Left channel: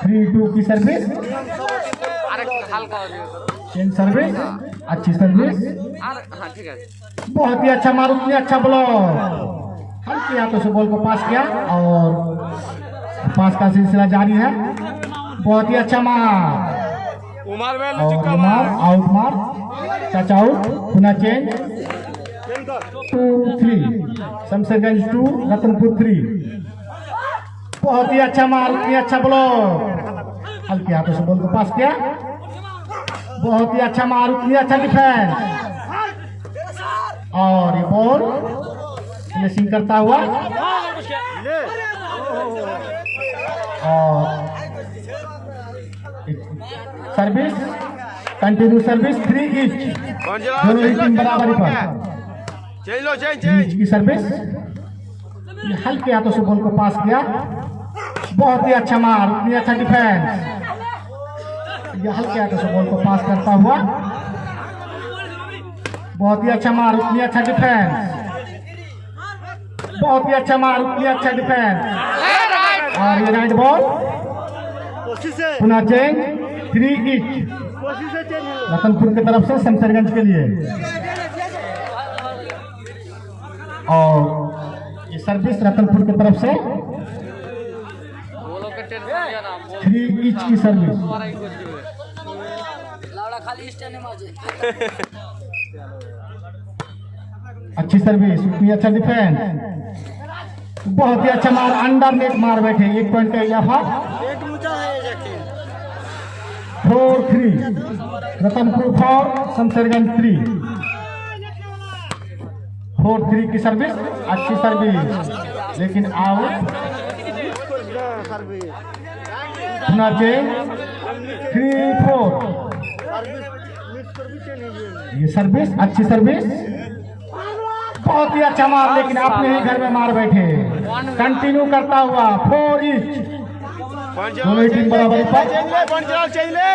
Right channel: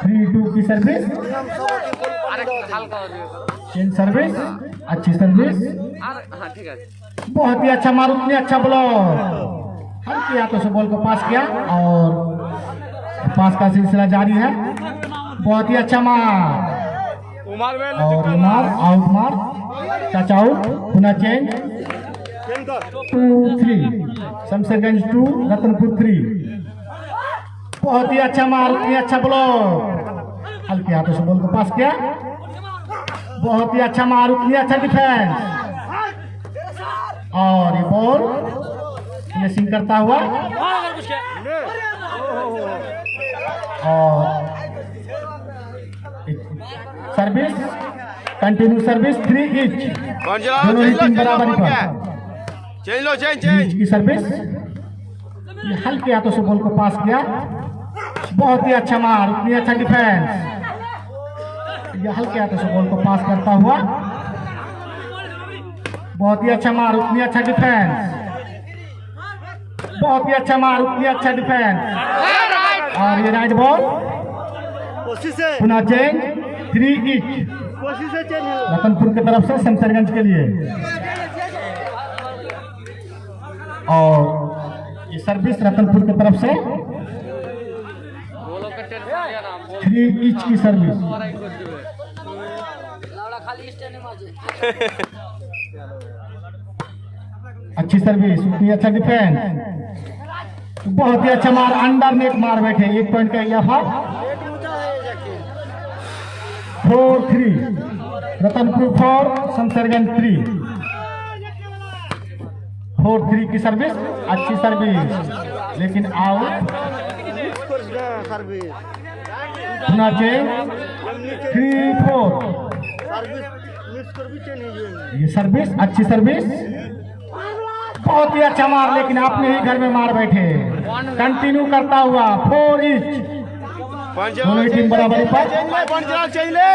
3-2 की service, change service, अच्छी service, बहुत ही अच्छा मार, उतनी अच्छा ब्लॉक, हल्के हाथों से बॉल को पास किया और पास का सिलसिला जारी है। बहुत ही अच्छा मार और मार, आउट मार, टच आउट, पुनः चेंज, 2-3, शमशेरगंज 2 रतनपुर 3। बहुत ही अच्छा मार, उतनी अच्छा ब्लॉक, हल्के हाथों से बॉल को पास किया, बहुत ही अच्छा मार, उतनी अच्छा डिफेंस और ये बॉल फिनिशिंग करता हुआ और सर्विस, कंटिन्यू सर्विस, 3 ईच, दोनों ही टीम बराबरी पर। ईच की सर्विस, हल्के हाथों से बॉल को पास किया, बहुत ही अच्छा मार, उतनी अच्छा डिफेंस, ये हल्के हाथों से बॉल को पास करता हुआ, बहुत ही अच्छा मार, उतनी अच्छा डिफेंस, बहुत ही अच्छा मार, उतनी अच्छा डिफेंस और ये राइट बॉल, पुनः चेंज, 3 ईच, रतनपुर की तरफ से शमशेरगंज के लिए और ये सर्विस रतनपुर की तरफ से 3 ईच की सर्विस, अच्छी सर्विस, उतनी अच्छा डिफेंस, बहुत ही अच्छा मार, अंडर नेट मार बैठे, 1 पॉइंट का इजाफा, 4-3, रतनपुर 4 शमशेरगंज 3। 4-3 की सर्विस, अच्छी सर्विस लेकिन आउट, पुनः चेंज, 3-4, ये सर्विस, अच्छी सर्विस, बहुत ही अच्छा मार लेकिन अपने ही घर में मार बैठे, कंटिन्यू करता हुआ, 4 ईच, दोनों टीम बराबरी पर,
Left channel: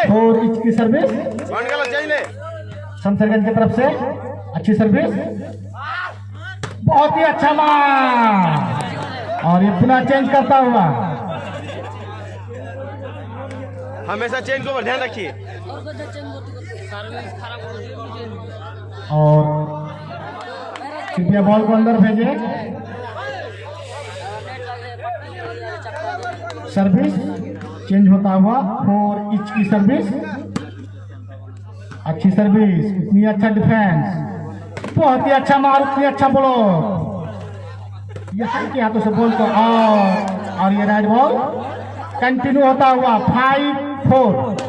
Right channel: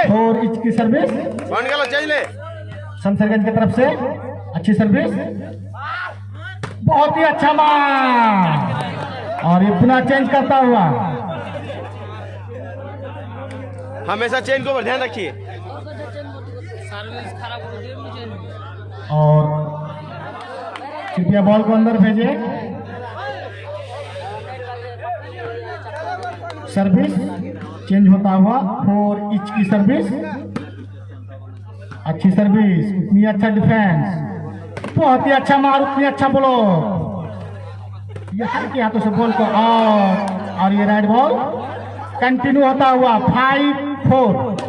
4 ईच की सर्विस, शमशेरगंज की तरफ से अच्छी सर्विस, बहुत ही अच्छा मार और ये पुनः चेंज करता हुआ, हमेशा चेन को ध्यान रखिए और कृपया बॉल को अंदर भेजें। सर्विस चेंज होता हुआ, 4 ईच की सर्विस, अच्छी सर्विस, उतनी अच्छा डिफेंस, बहुत ही अच्छा मार, उतनी अच्छा ब्लॉक, ये हल्के हाथों से बॉल को और ये राइट बॉल कंटिन्यू होता हुआ, 5-4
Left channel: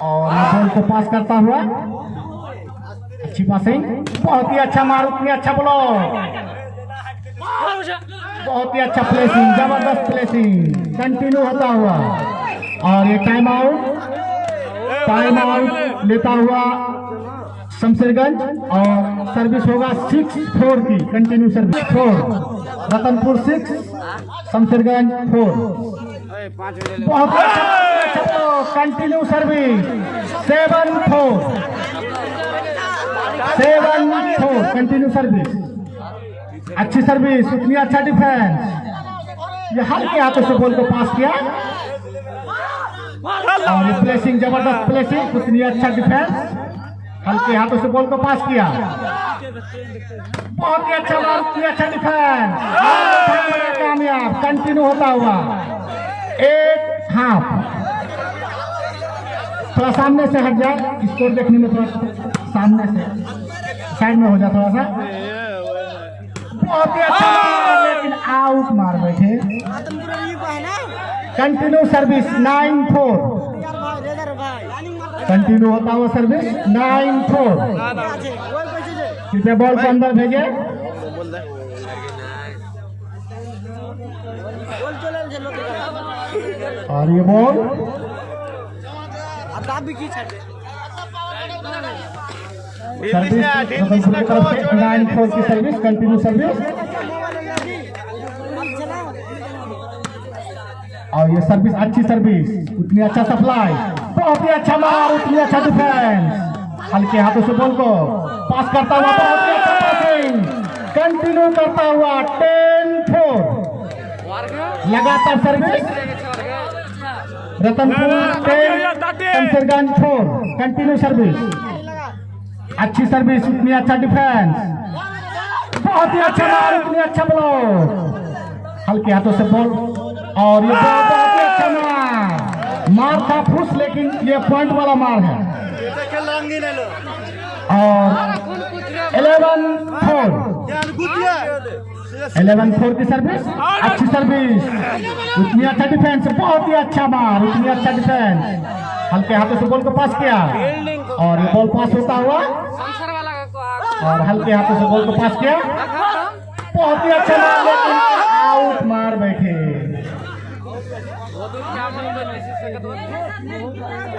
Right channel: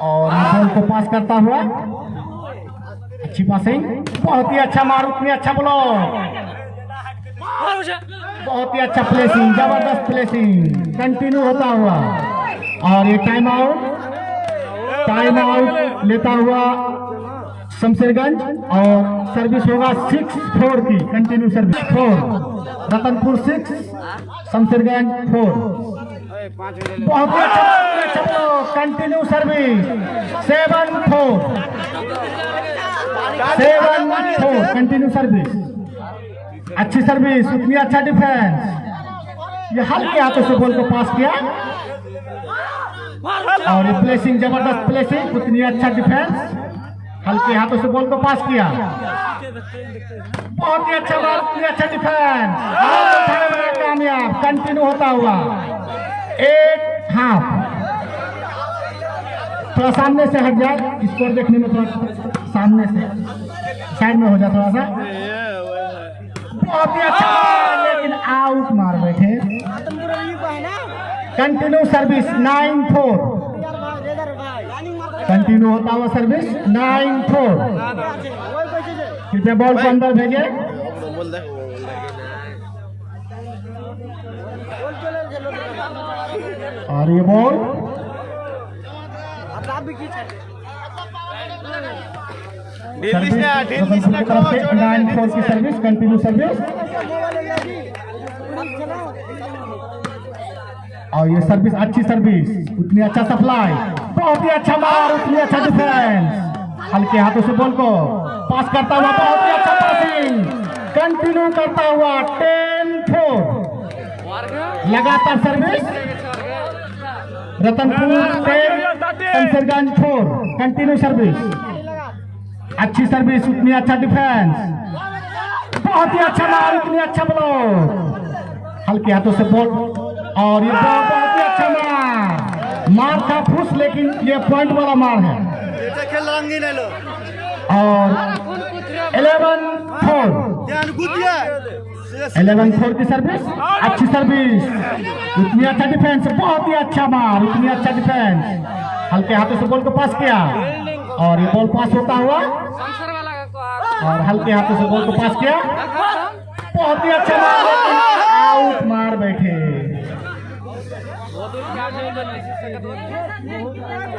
और बॉल को पास करता हुआ, अच्छी पासिंग, बहुत ही अच्छा मार, उतनी अच्छा ब्लॉक, बहुत ही अच्छा प्लेसिंग, जबरदस्त प्लेसिंग, कंटिन्यू होता हुआ और ये टाइम आउट लेता हुआ शमशेरगंज और सर्विस होगा 6-4 की, कंटिन्यू सर्विस, 4 रतनपुर 6 शमशेरगंज 4। बहुत ही अच्छा कंटिन्यू सर्विस, 7-4 कंटिन्यू सर्विस, अच्छी सर्विस, उतनी अच्छा डिफेंस, ये हल्के हाथों से बॉल को पास किया और प्लेसिंग, जबरदस्त प्लेसिंग, उतनी अच्छा डिफेंस, हल्के हाथों से बॉल को पास किया, बहुत ही अच्छा बॉल, उतनी अच्छा डिफेंस, कामयाब, कंटिन्यू होता हुआ, 1 हाफ, थोड़ा सामने से हट जाए, स्कोर देखने में थोड़ा सामने से साइड में हो जाए थोड़ा सा, बहुत ही अच्छा लेकिन आउट मार बैठे, कंटिन्यू सर्विस, 9-4 कंटिन्यू होता हुआ सर्विस, 9-4, कृपया बॉल को अंदर भेजे और ये बॉल सर्विस की सर्विस, कंटिन्यू सर्विस और ये सर्विस अच्छी सर्विस, उतनी अच्छा सप्लाई, बहुत ही अच्छा मार, उतनी अच्छा डिफेंस। हल्के हाथों से बॉल को पास करता हुआ, बहुत ही अच्छा पासिंग, कंटिन्यू करता हुआ 10-4 लगातार service. Ratanpur 10, Shamsherganj 4, continue service, अच्छी सर्विस, उतनी अच्छा डिफेंस, बहुत ही अच्छा मार, उतनी अच्छा ब्लॉक, हल्के हाथों से बॉल, और ये बहुत ही अच्छा मार था फुस, लेकिन ये पॉइंट वाला मार है। और 11-4 की सर्विस, अच्छी सर्विस, उतनी अच्छा डिफेंस, बहुत ही अच्छा मार, उतनी अच्छा डिफेंस, हल्के हाथों से बॉल को पास किया, और ये बॉल पास होता हुआ, और हल्के हाथों से बॉल को पास किया, बहुत ही अच्छा मार, लेकिन आउट मार बैठे।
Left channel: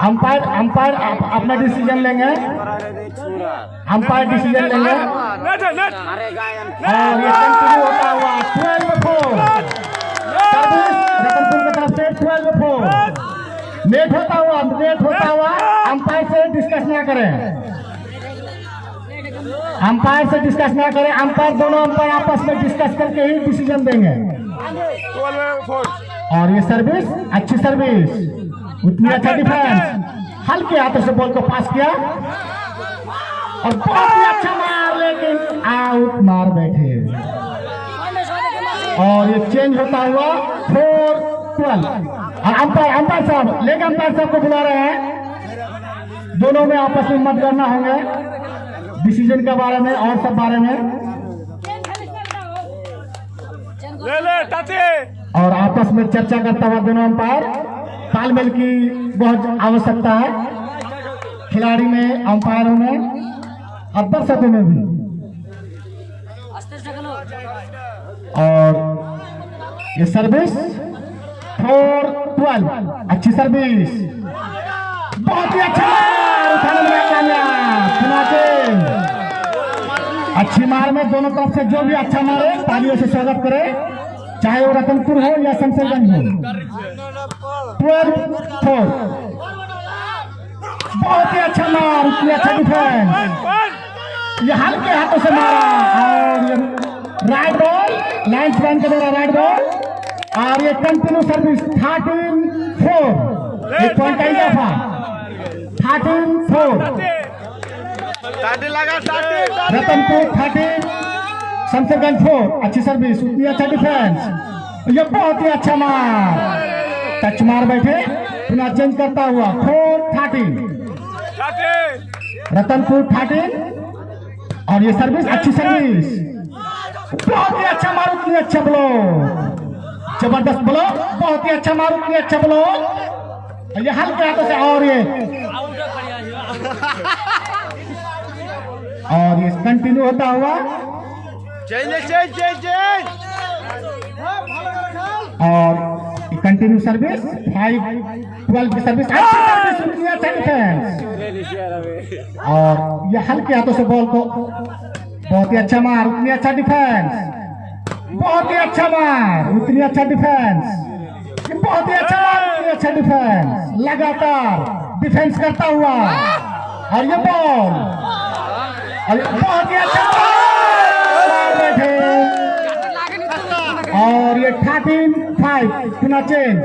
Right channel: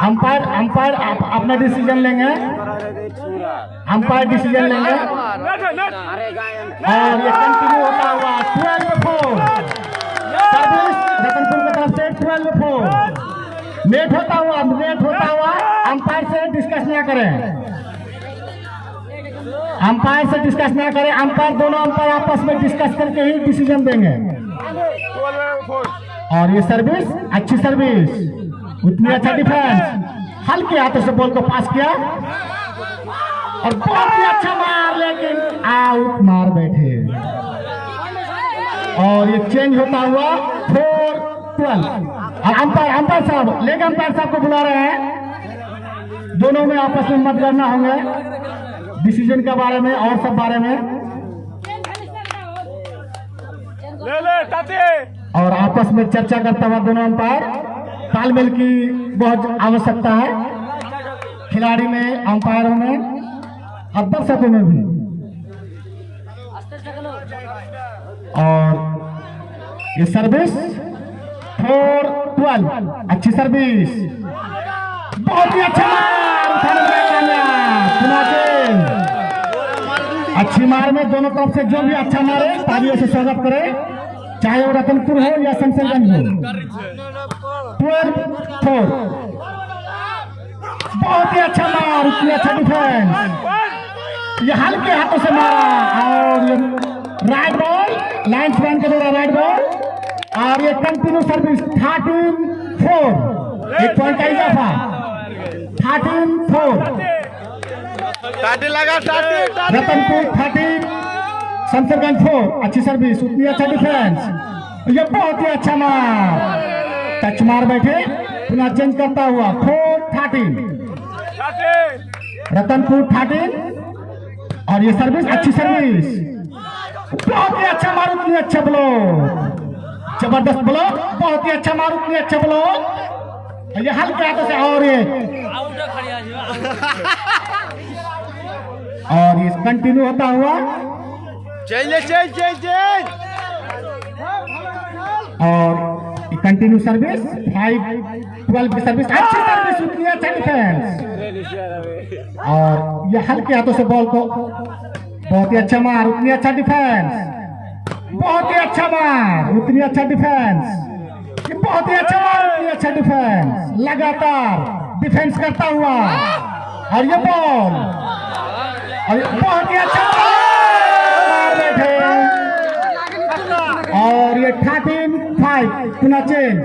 अंपायर अपना डिसीजन लेंगे, अंपायर डिसीजन लेंगे, और ये कंटिन्यू होता हुआ 12-4, रतनपुर की तरफ से 12-4, लेट होता हुआ, अंपायर से डिस्कस ना करें, अंपायर दोनों अंपायर आपस में डिस्कस करके ही डिसीजन देंगे। और ये सर्विस, अच्छी सर्विस, उतनी अच्छा डिफेंस, हल्के हाथों से बॉल को पास किया, और बहुत ही अच्छा मार, लेकिन आउट मार बैठे। और ये चेंज होता हुआ 4-12, और अंपायर साहब, लेग अंपायर साहब को बुला रहे हैं, दोनों में आपस में मत करना होंगे डिसीजन के बारे में और सब बारे में, और आपस में चर्चा करता हुआ दोनों अंपायर, तालमेल की बहुत आवश्यकता है खिलाड़ी में, अंपायरों में और दर्शकों में भी। और ये सर्विस 4-12, अच्छी सर्विस, बहुत ही अच्छा अच्छी मार में दोनों तरफ से जो भी अच्छा मारे तालियों से स्वागत करे, चाहे वो रतनपुर हो या शमशेरगंज हो। 12-4, बहुत ही अच्छा मार, उतनी अच्छा डिफेंस, ये हल्के हाथों से मारा, और राइट बॉल, लाइन स्पैन करेगा राइट बॉल, और ये कंटिन्यू सर्विस 13-4, एक पॉइंट का इजाफा, 13-4, रतनपुर 13, शमशेरगंज 4, अच्छी सर्विस, उतनी अच्छा डिफेंस, ये बहुत ही अच्छा मार, टच मार बैठे, पुनः चेंज करता हुआ 4-13, रतनपुर 13, और ये सर्विस, अच्छी सर्विस, बहुत ही अच्छा मार, उतनी अच्छा ब्लॉक, जबरदस्त ब्लॉक, बहुत ही अच्छा मार, उतनी अच्छा ब्लॉक, ये हल्के हाथों से, और ये कंटिन्यू होता हुआ, और कंटिन्यू सर्विस 5-12 की सर्विस, अच्छी सर्विस, उतनी अच्छा डिफेंस, और ये हल्के हाथों से बॉल को, बहुत ही अच्छा मार, उतनी अच्छा डिफेंस, बहुत ही अच्छा मार, उतनी अच्छा डिफेंस, बहुत ही अच्छा मार, उतनी अच्छा डिफेंस, लगातार डिफेंस करता हुआ, और ये बॉल, और बहुत ही अच्छा बैठे, और ये 13-5, पुनः चेंज,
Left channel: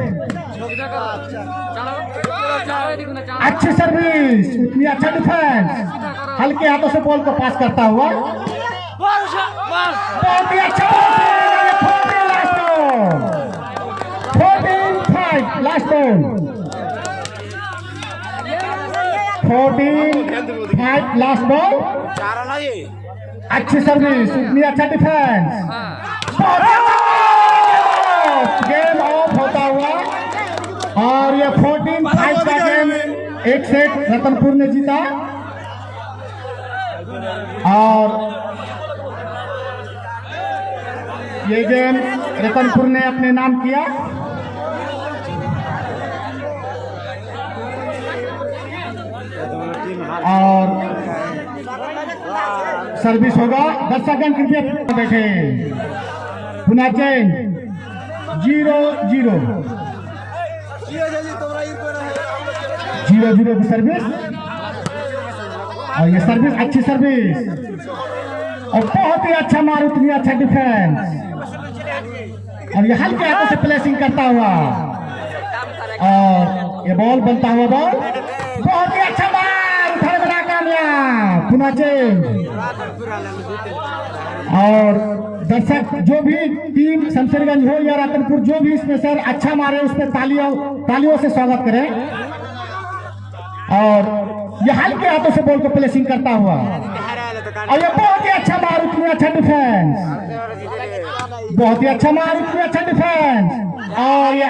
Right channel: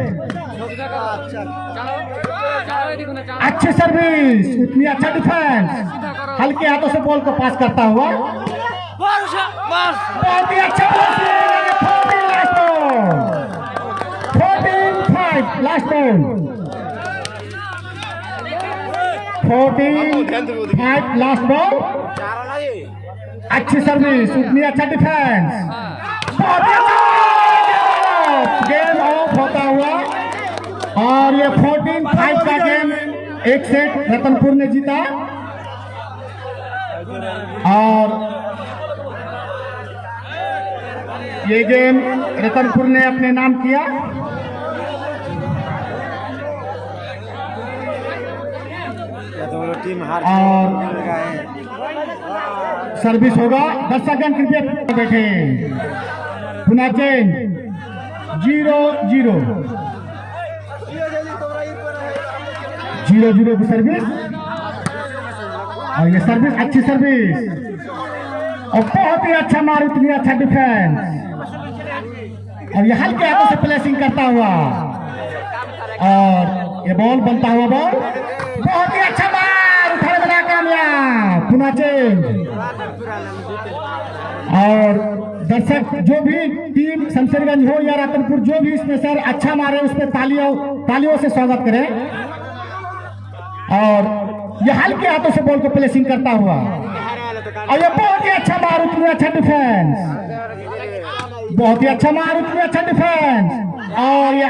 अच्छी सर्विस, उतनी अच्छा डिफेंस, हल्के हाथों से बॉल को पास करता हुआ, बहुत ही अच्छा, 14-5 लास्ट बॉल, 14-5 लास्ट बॉल, अच्छी सर्विस, उतनी अच्छा डिफेंस, बहुत ही अच्छा, गेम ऑफ होता हुआ, और ये 14-5 का गेम एक सेट रतनपुर ने जीता, और ये गेम रतनपुर ने अपने नाम किया। और सर्विस होगा, 10 सेकंड क्रिकेट बैठे, पुनः चेंज 0-0, 0-0 की सर्विस, और ये सर्विस अच्छी सर्विस और बहुत ही अच्छा मार, उतनी अच्छा डिफेंस, और ये हल्के हाथों से प्लेसिंग करता हुआ, और ये बॉल बनता हुआ बॉल, बहुत ही अच्छा मार, उठा कामयाब, पुनः चेंज। और दर्शक जो भी टीम शमशेरगंज हो या रतनपुर, जो भी इसमें से अच्छा मारे उस पर तालियों से स्वागत करें। और ये हल्के हाथों से बॉल को प्लेसिंग करता हुआ, और ये बहुत ही अच्छा मार, उतनी अच्छा डिफेंस, बहुत ही अच्छा मार, उतनी अच्छा डिफेंस, और ये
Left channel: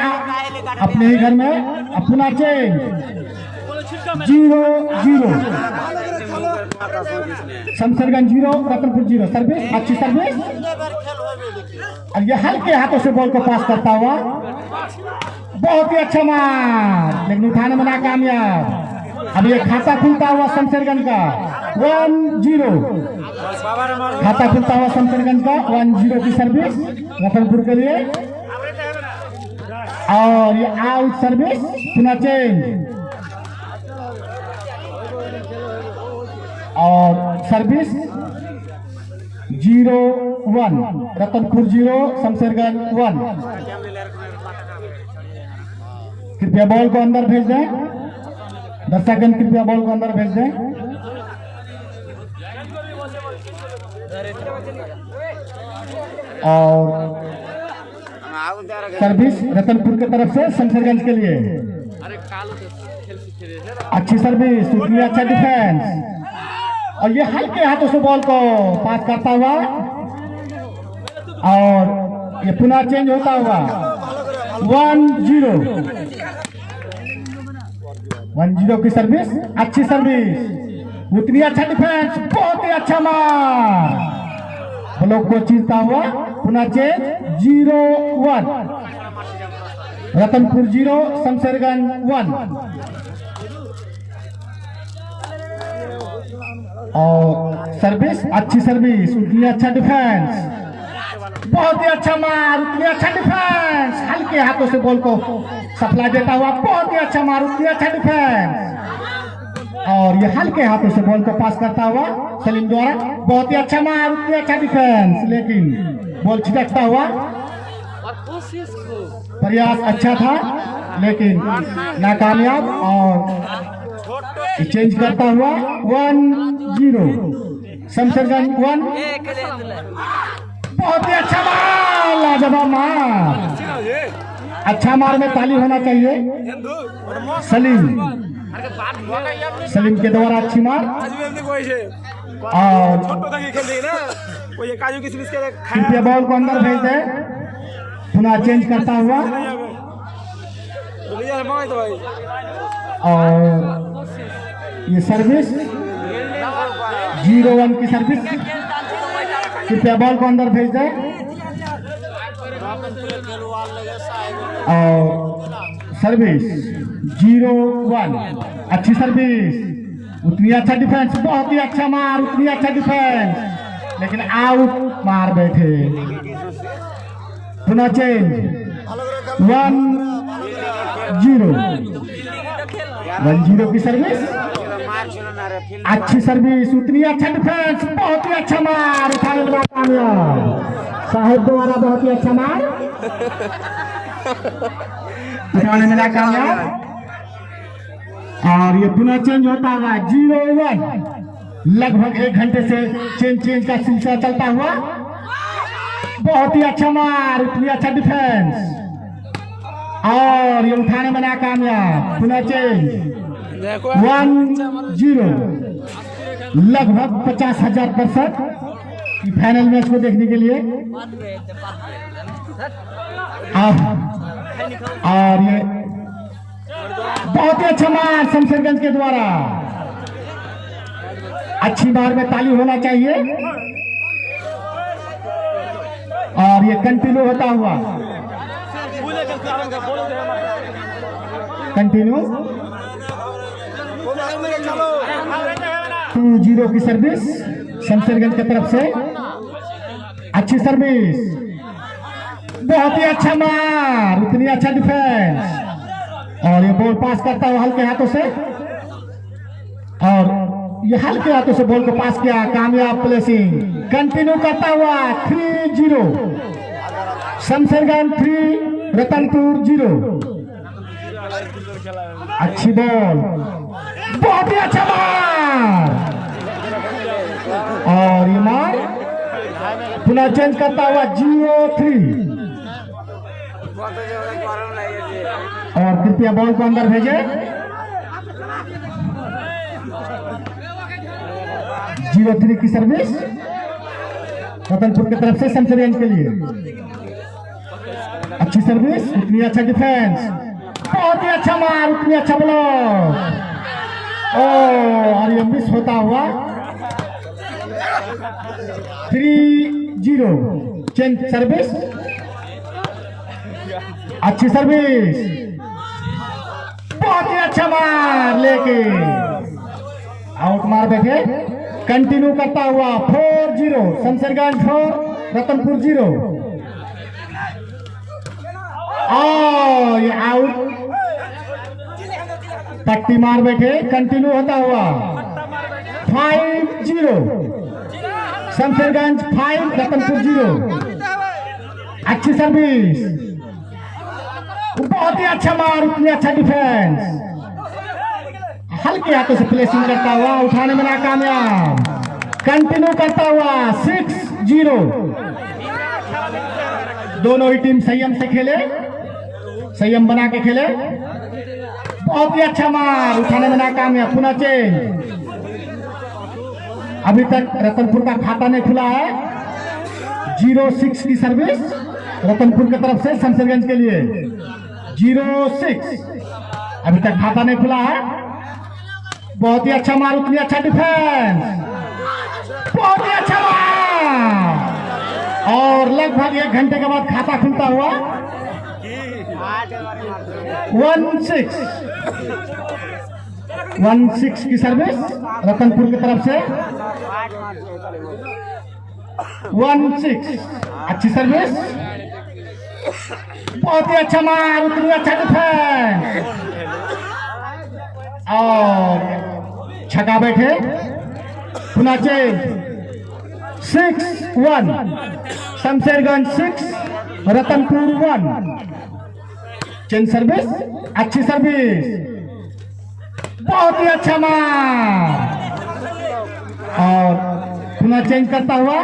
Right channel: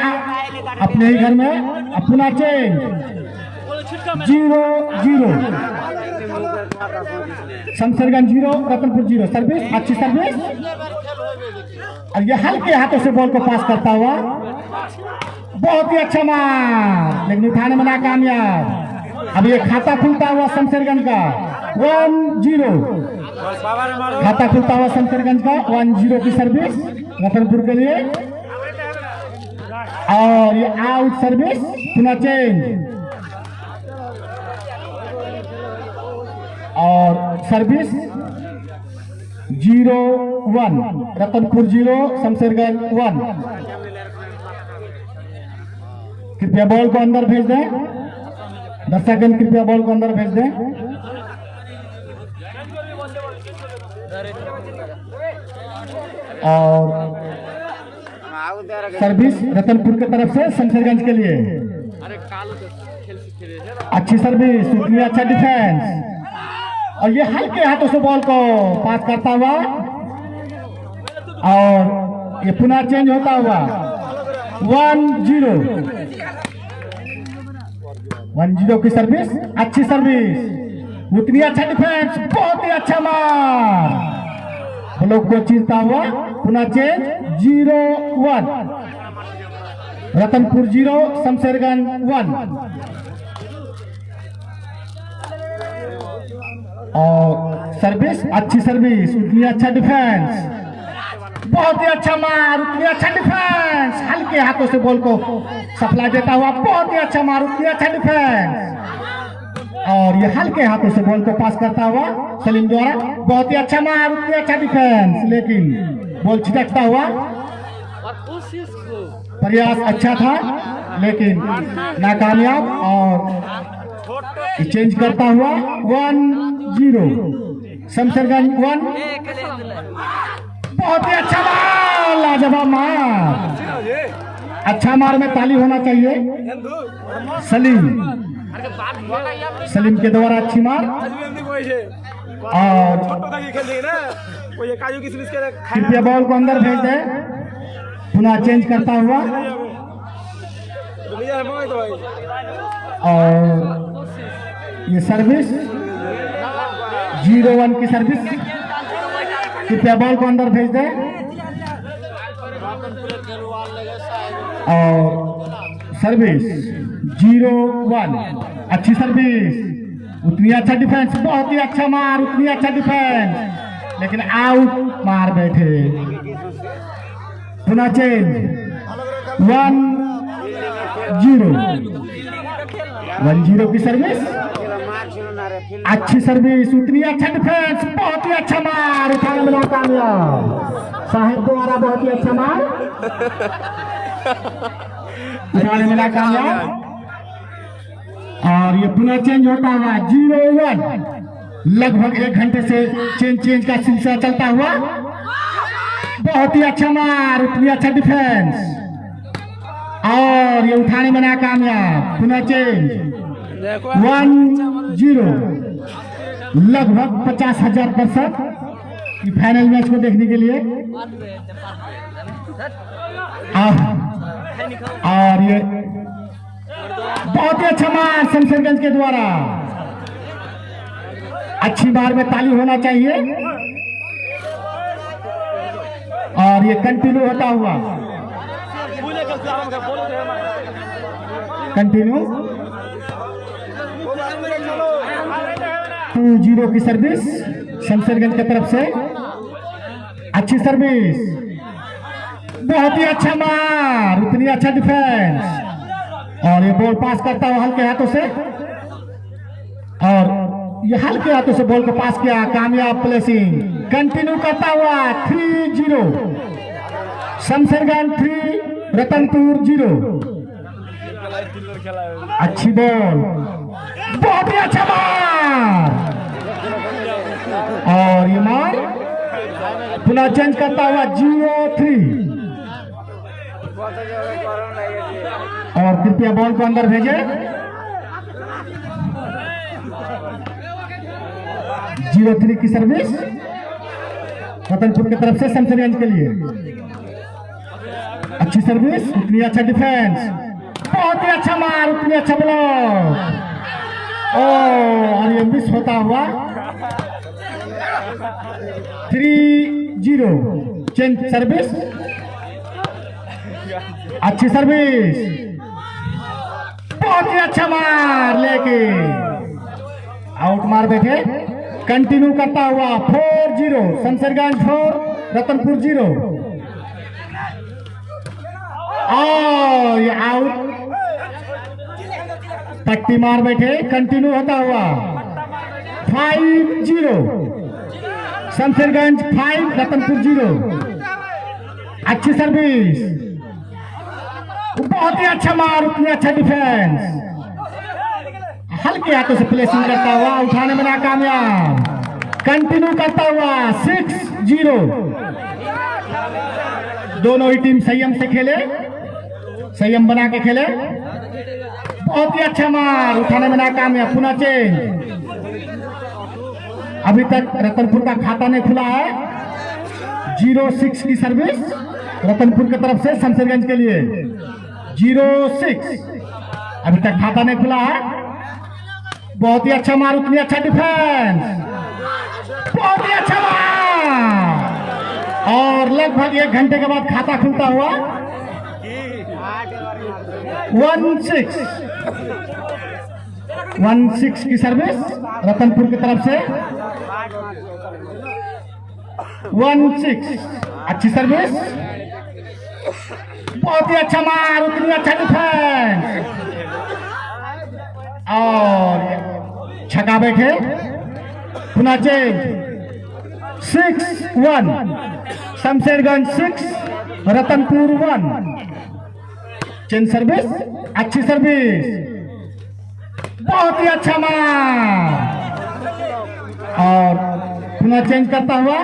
अपने ही घर में अपना चेंज। 0-0 शमशेरगंज 0 रतनपुर 0। सर्विस अच्छी सर्विस, और ये हल्के हाथों से बॉल को पास करता हुआ, बहुत ही अच्छा मार, लेकिन उठाने में नाकामयाब। अब ये खाता खुलता हुआ शमशेरगंज का 1-0, खाता खुलता हुआ शमशेरगंज का 1-0 की सर्विस रतनपुर के लिए, और ये आउट सर्विस, पुनः चेंज, और सर्विस 0-1 रतनपुर 0 शमशेरगंज 1। कृपया बॉल को अंदर भेज दें, दर्शकगण कृपया बॉल को अंदर भेज दें। और सर्विस रतनपुर की तरफ से शमशेरगंज के लिए, अच्छी सर्विस, उतनी अच्छा डिफेंस, और ये हल्के हाथों से बॉल को पास करता हुआ, और ये पुनः चेंज होता हुआ 1-0 की सर्विस, अच्छी सर्विस, उतनी अच्छा डिफेंस, बहुत ही अच्छा मार, ब्लॉक को चीरता हुआ, पुनः चेंज 0-1 रतनपुर 0 शमशेरगंज 1। और सर्विस अच्छी सर्विस, उतनी अच्छा डिफेंस, बहुत ही अच्छा मार, उतनी अच्छा डिफेंस, हल्के हाथों से बॉल को सप्लाई देता हुआ, बहुत ही अच्छा मार, उतनी अच्छा डिफेंस, और ये हल्के हाथों से बॉल को पास करता हुआ सलीम द्वारा, बहुत ही अच्छा मार, उतनी अच्छा डिफेंस, लेकिन बॉल छिटकता हुआ, प्रयास अच्छा था लेकिन नाकामयाब, और चेंज करता हुआ 1-0 शमशेरगंज 1। बहुत ही अच्छा मार, लाजवाब मार, अच्छा मार में ताली होना चाहिए। सलीम के द्वारा अच्छी मार, और कृपया बॉल को अंदर भेज दे, पुनः चेंज करता हुआ, और ये सर्विस 0-1 की सर्विस, कृपया बॉल को अंदर भेज दे, और सर्विस 0-1 अच्छी सर्विस, उतनी अच्छा डिफेंस, बहुत ही अच्छा मार, उतनी अच्छा डिफेंस, लेकिन आउट मार बैठे, पुनः चेंज 1-0 की सर्विस, अच्छी सर्विस, उतनी अच्छा डिफेंस, बहुत ही अच्छा मार, उठाने में कामयाब, साहिब द्वारा बहुत ही अच्छा मार, उठाने में कामयाब, और ये पुनः चेंज होता हुआ 0-1, लगभग 1 घंटे से चेंज का सिलसिला चलता हुआ, बहुत ही अच्छा मार, उतनी अच्छा डिफेंस, और ये उठाने में नाकामयाब, पुनः चेंज 1-0। लगभग 50,000 दर्शक फाइनल मैच को देखने के लिए, और ये बहुत ही अच्छा मार शमशेरगंज के द्वारा, अच्छी बार में ताली होना चाहिए, और ये कंटिन्यू होता हुआ, कंटिन्यू 2-0 की सर्विस शमशेरगंज की तरफ से, अच्छी सर्विस, बहुत ही अच्छा मार, उतनी अच्छा डिफेंस, और ये बॉल पास करता हुआ हल्के हाथों से, और ये हल्के हाथों से बॉल को पास किया, कामयाब प्लेसिंग। कंटिन्यू करता हुआ 3-0, शमशेरगंज 3 रतनपुर 0। अच्छी बॉल, बहुत ही अच्छा मार, और ये मार पुनः चेंज करता हुआ 0-3। और कृपया बॉल को अंदर भेजे। 0-3 की सर्विस रतनपुर की तरफ से शमशेरगंज के लिए। अच्छी सर्विस, उतनी अच्छा डिफेंस, बहुत ही अच्छा मार, उतनी अच्छा ब्लॉक, और ये मिस होता हुआ 3-0। चेंज सर्विस, अच्छी सर्विस, बहुत ही अच्छा मार, लेके आउट मार बैठे। कंटिन्यू करता हुआ 4-0, शमशेरगंज 4 रतनपुर 0। और ये आउट, पट्टी मार बैठे। कंटिन्यू होता हुआ 5-0, शमशेरगंज 5 रतनपुर 0। अच्छी सर्विस, बहुत ही अच्छा मार, उतनी अच्छा डिफेंस, हल्के हाथों से प्लेसिंग करता हुआ उठाने में नाकामयाब। कंटिन्यू करता हुआ 6-0। दोनों ही टीम संयम से खेले, संयम बना के खेले। बहुत ही अच्छा मार, उठाने में नाकामयाब। पुनः चेंज, अभी तक रतनपुर का खाता नहीं खुला है। 0-6 की सर्विस रतनपुर की तरफ से शमशेरगंज के लिए। 0-6, अभी तक खाता नहीं खुला है। बहुत ही अच्छा मार, उतनी अच्छा डिफेंस, बहुत ही अच्छा मार, और लगभग 1 घंटे के बाद खाता खुलता हुआ 1-6 की सर्विस रतनपुर की तरफ से। 1-6, अच्छी सर्विस, बहुत ही अच्छा मार, उतनी अच्छा डिफेंस, और छका बैठे। पुनः change 6-1, Shamsherganj 6 Ratanpur 1। Change service, अच्छी सर्विस, बहुत ही अच्छा मार, और पुनः चेंज करता हुआ,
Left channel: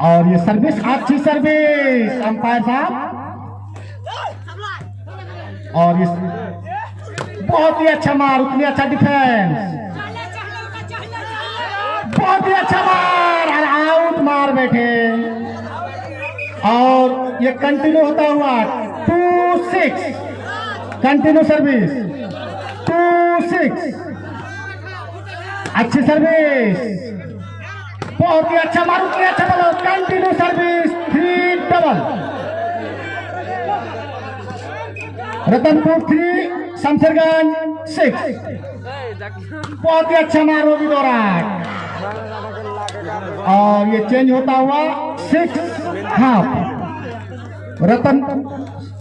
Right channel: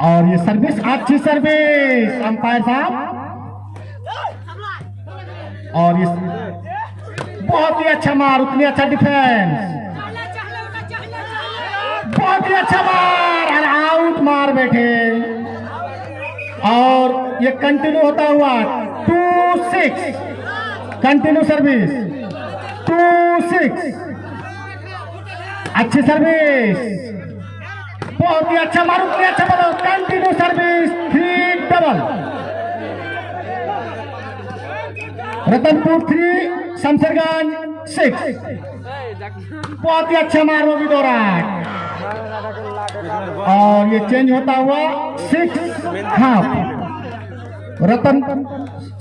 और ये सर्विस, अच्छी सर्विस अंपायर साहब, और ये बहुत ही अच्छा मार, उतनी अच्छा डिफेंस, बहुत ही अच्छा मार, आउट मार बैठे। और ये कंटिन्यू होता हुआ 2-6, कंटिन्यू सर्विस 2-6, अच्छी सर्विस, बहुत ही अच्छा मार, उतनी अच्छा मार, कंटिन्यू सर्विस 3-डबल। रतनपुर 3 शमशेरगंज 6, बहुत ही अच्छा मार रोबी दोरा। और ये चेंज होता हुआ 6-1,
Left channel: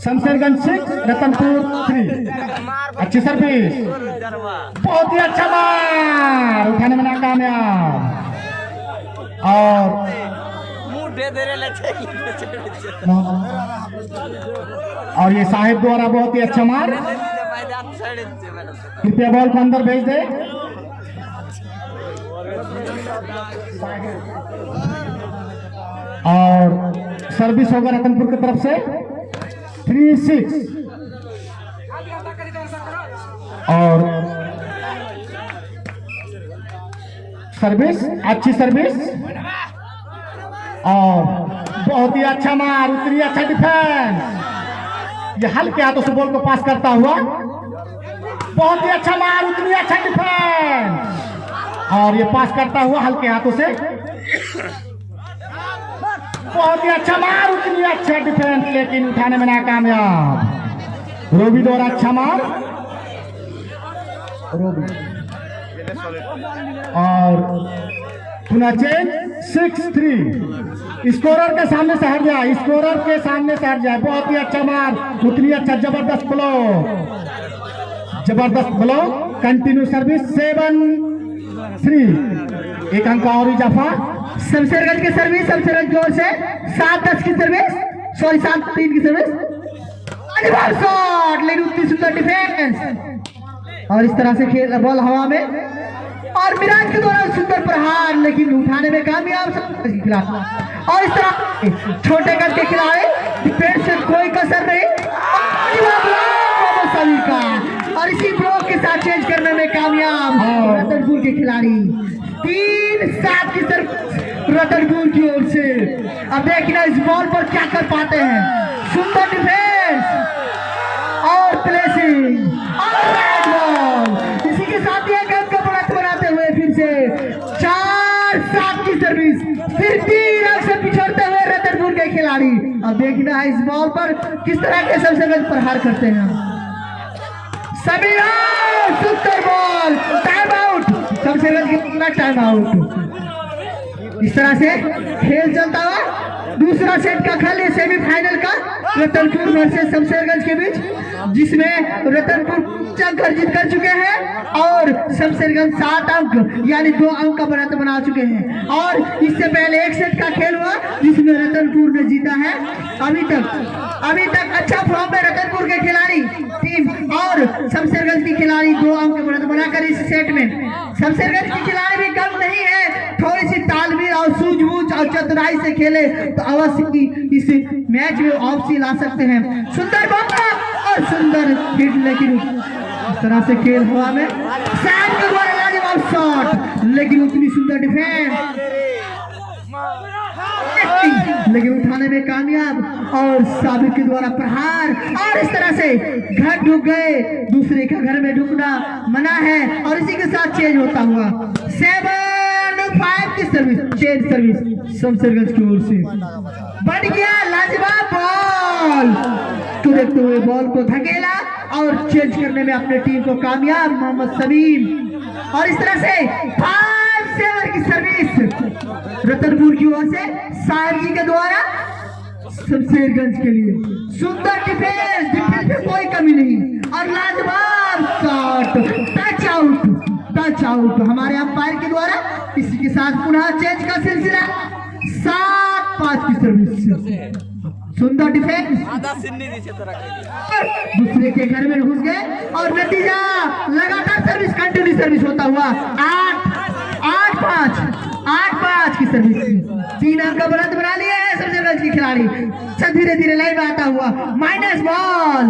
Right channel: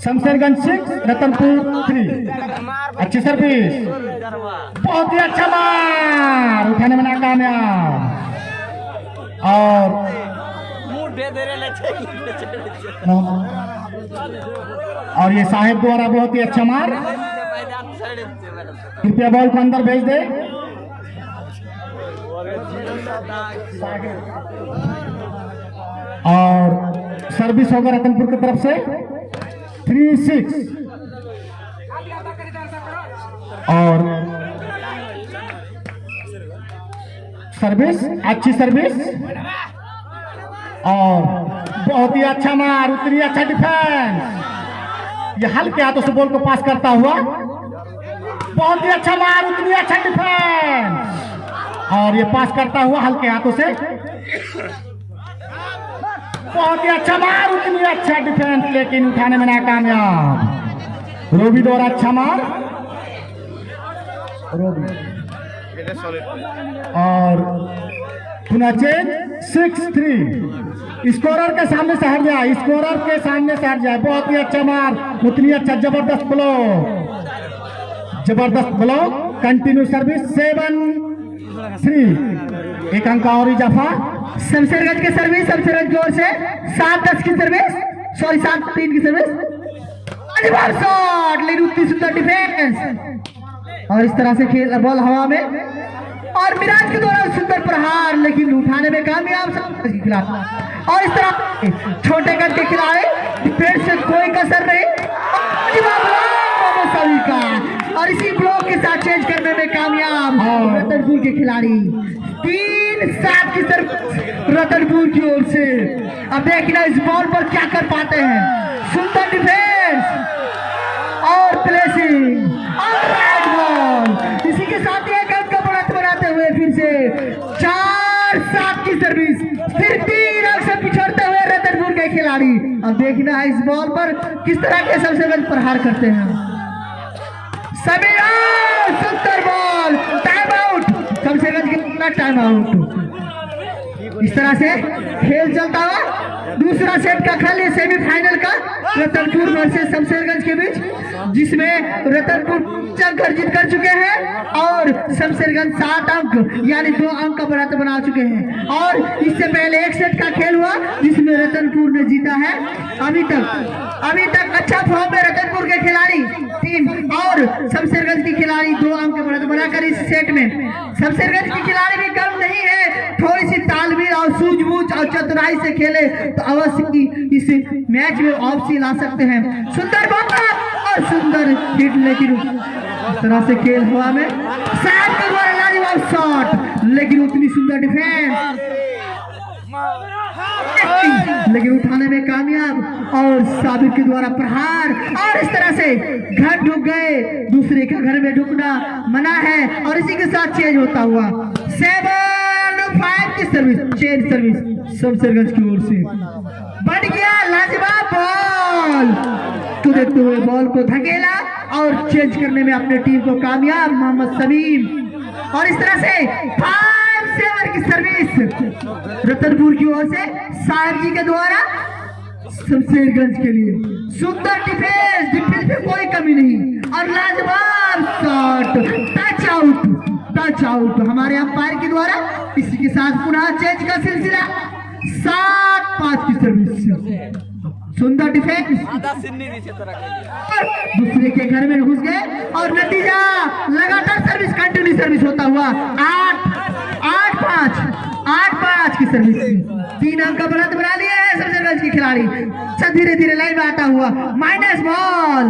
शमशेरगंज 6 रतनपुर 3। अच्छी सर्विस, बहुत ही अच्छा मार, उठाने में नाकामयाब, और ये साहिब द्वारा बहुत ही अच्छा मार। कृपया बॉल को अंदर भेज दे। और सर्विस होगा रतनपुर की तरफ से 3-6, और सर्विस, अच्छी सर्विस, और बहुत ही अच्छा मार, उतनी अच्छा डिफेंस, ये हल्के हाथों से बॉल को पास करता हुआ, बहुत ही अच्छा मार, उतनी अच्छा डिफेंस, और ये पास करता हुआ हल्के हाथों से, बहुत ही अच्छा मार, उतनी अच्छा डिफेंस, लेकिन उठाने में नाकामयाब। रोबी द्वारा अच्छा मार, रोबी, और पुनः चेंज 6-3, स्कोरर के सामने से हट जाए, स्कोरर के सामने से हट जाए। बहुत ही अच्छा मार, उतनी अच्छा, जबरदस्त ब्लो, जबरदस्त ब्लो। कंटिन्यू सर्विस 7-3, एक अंक और इजाफा। शमशेरगंज की सर्विस, शमशेरगंज की ओर से 7-10 की सर्विस, सॉरी 7-3 की सर्विस। शॉट, लेकिन उतनी सुंदर डिफेंस और इस तरह से खेल बॉल हवा में और मिराज के द्वारा सुंदर प्रहार, लेकिन उठाने में कामयाब के खिलाफ। और इस तरह छोटे कद के खिलाड़ी डिफेंस से कोई कसर नहीं सभी का, और इसी ब्लॉक के साथ चेंज करने में कामयाब रतनपुर के खिलाड़ी। 3-7 की तरफ रतनपुर की ओर से। अब देखना इस बॉल पर क्या कर पाते हैं। सुंदर डिफेंस और प्लेसिंग और राइट बॉल, इसी के साथ एक अंक का बढ़त बनाते हुए फिर से 4-7 की सर्विस, फिर 3 अंक से पिछड़ते हुए रतनपुर के खिलाड़ी। अब देखना है इस बॉल पर किस तरह के शमशेरगंज प्रहार करते हैं। सभी सुंदर बॉल, टाइम आउट, शमशेरगंज की टाइम आउट। इस तरह से खेल चलता हुआ दूसरा सेट का खेल सेमीफाइनल का रतनपुर वर्सेस शमशेरगंज के बीच, जिसमें रतनपुर अर्जित कर चुके हैं और शमशेरगंज 7 अंक यानी 2 अंक का बढ़त बना चुके हैं। और इससे पहले एक सेट का खेल हुआ जिसमें रतनपुर ने जीता है। अभी तक अच्छा फॉर्म में रतनपुर के खिलाड़ी टीम और शमशेरगंज की खिलाड़ी 2 अंक का बढ़त बनाकर इस सेट में। शमशेरगंज की खिलाड़ी भी कम नहीं है, थोड़ी सी तालमेल और सूझबूझ और चतुराई से खेले तो अवश्य इस मैच में वापसी ला सकते हैं। सुंदर मौका और सुंदर हिट, लेकिन इस तरह से खेल हुआ में साहब के द्वारा लाजवाब शॉट, लेकिन उतनी सुंदर डिफेंस, लेकिन उठाने में कामयाब और साबिर के द्वारा प्रहार। और इस तरह से घर ढुक गए, दूसरे के घर में ढुकना मना है। और इसी के साथ चेंज होता हुआ 7-5 की सर्विस, चेंज सर्विस शमशेरगंज की ओर से बढ़ गया। लाजवाब बॉल को देखते हुए बॉल को धकेला और चेंज करने में अपने टीम को कामयाब मोहम्मद समीम। और इस तरह से 5-7 की सर्विस रतनपुर की ओर से साहिब जी के द्वारा शमशेरगंज के लिए। सुंदर डिफेंस में कोई कमी नहीं और लाजवाब शॉट, टच आउट हमारे अंपायर के द्वारा। इसी के साथ पुनः चेंज का सिलसिला 7-5 की सर्विस, सुंदर डिफेंस दूसरे के घर में घुस गए और नतीजा लगातार सर्विस, कंटिन्यू सर्विस होता हुआ 8-5 की सर्विस। 3 अंक का बढ़त बना लिए हैं शमशेरगंज की खिलाड़ी। धीरे धीरे लाइन में आता हुआ माइनस बॉल,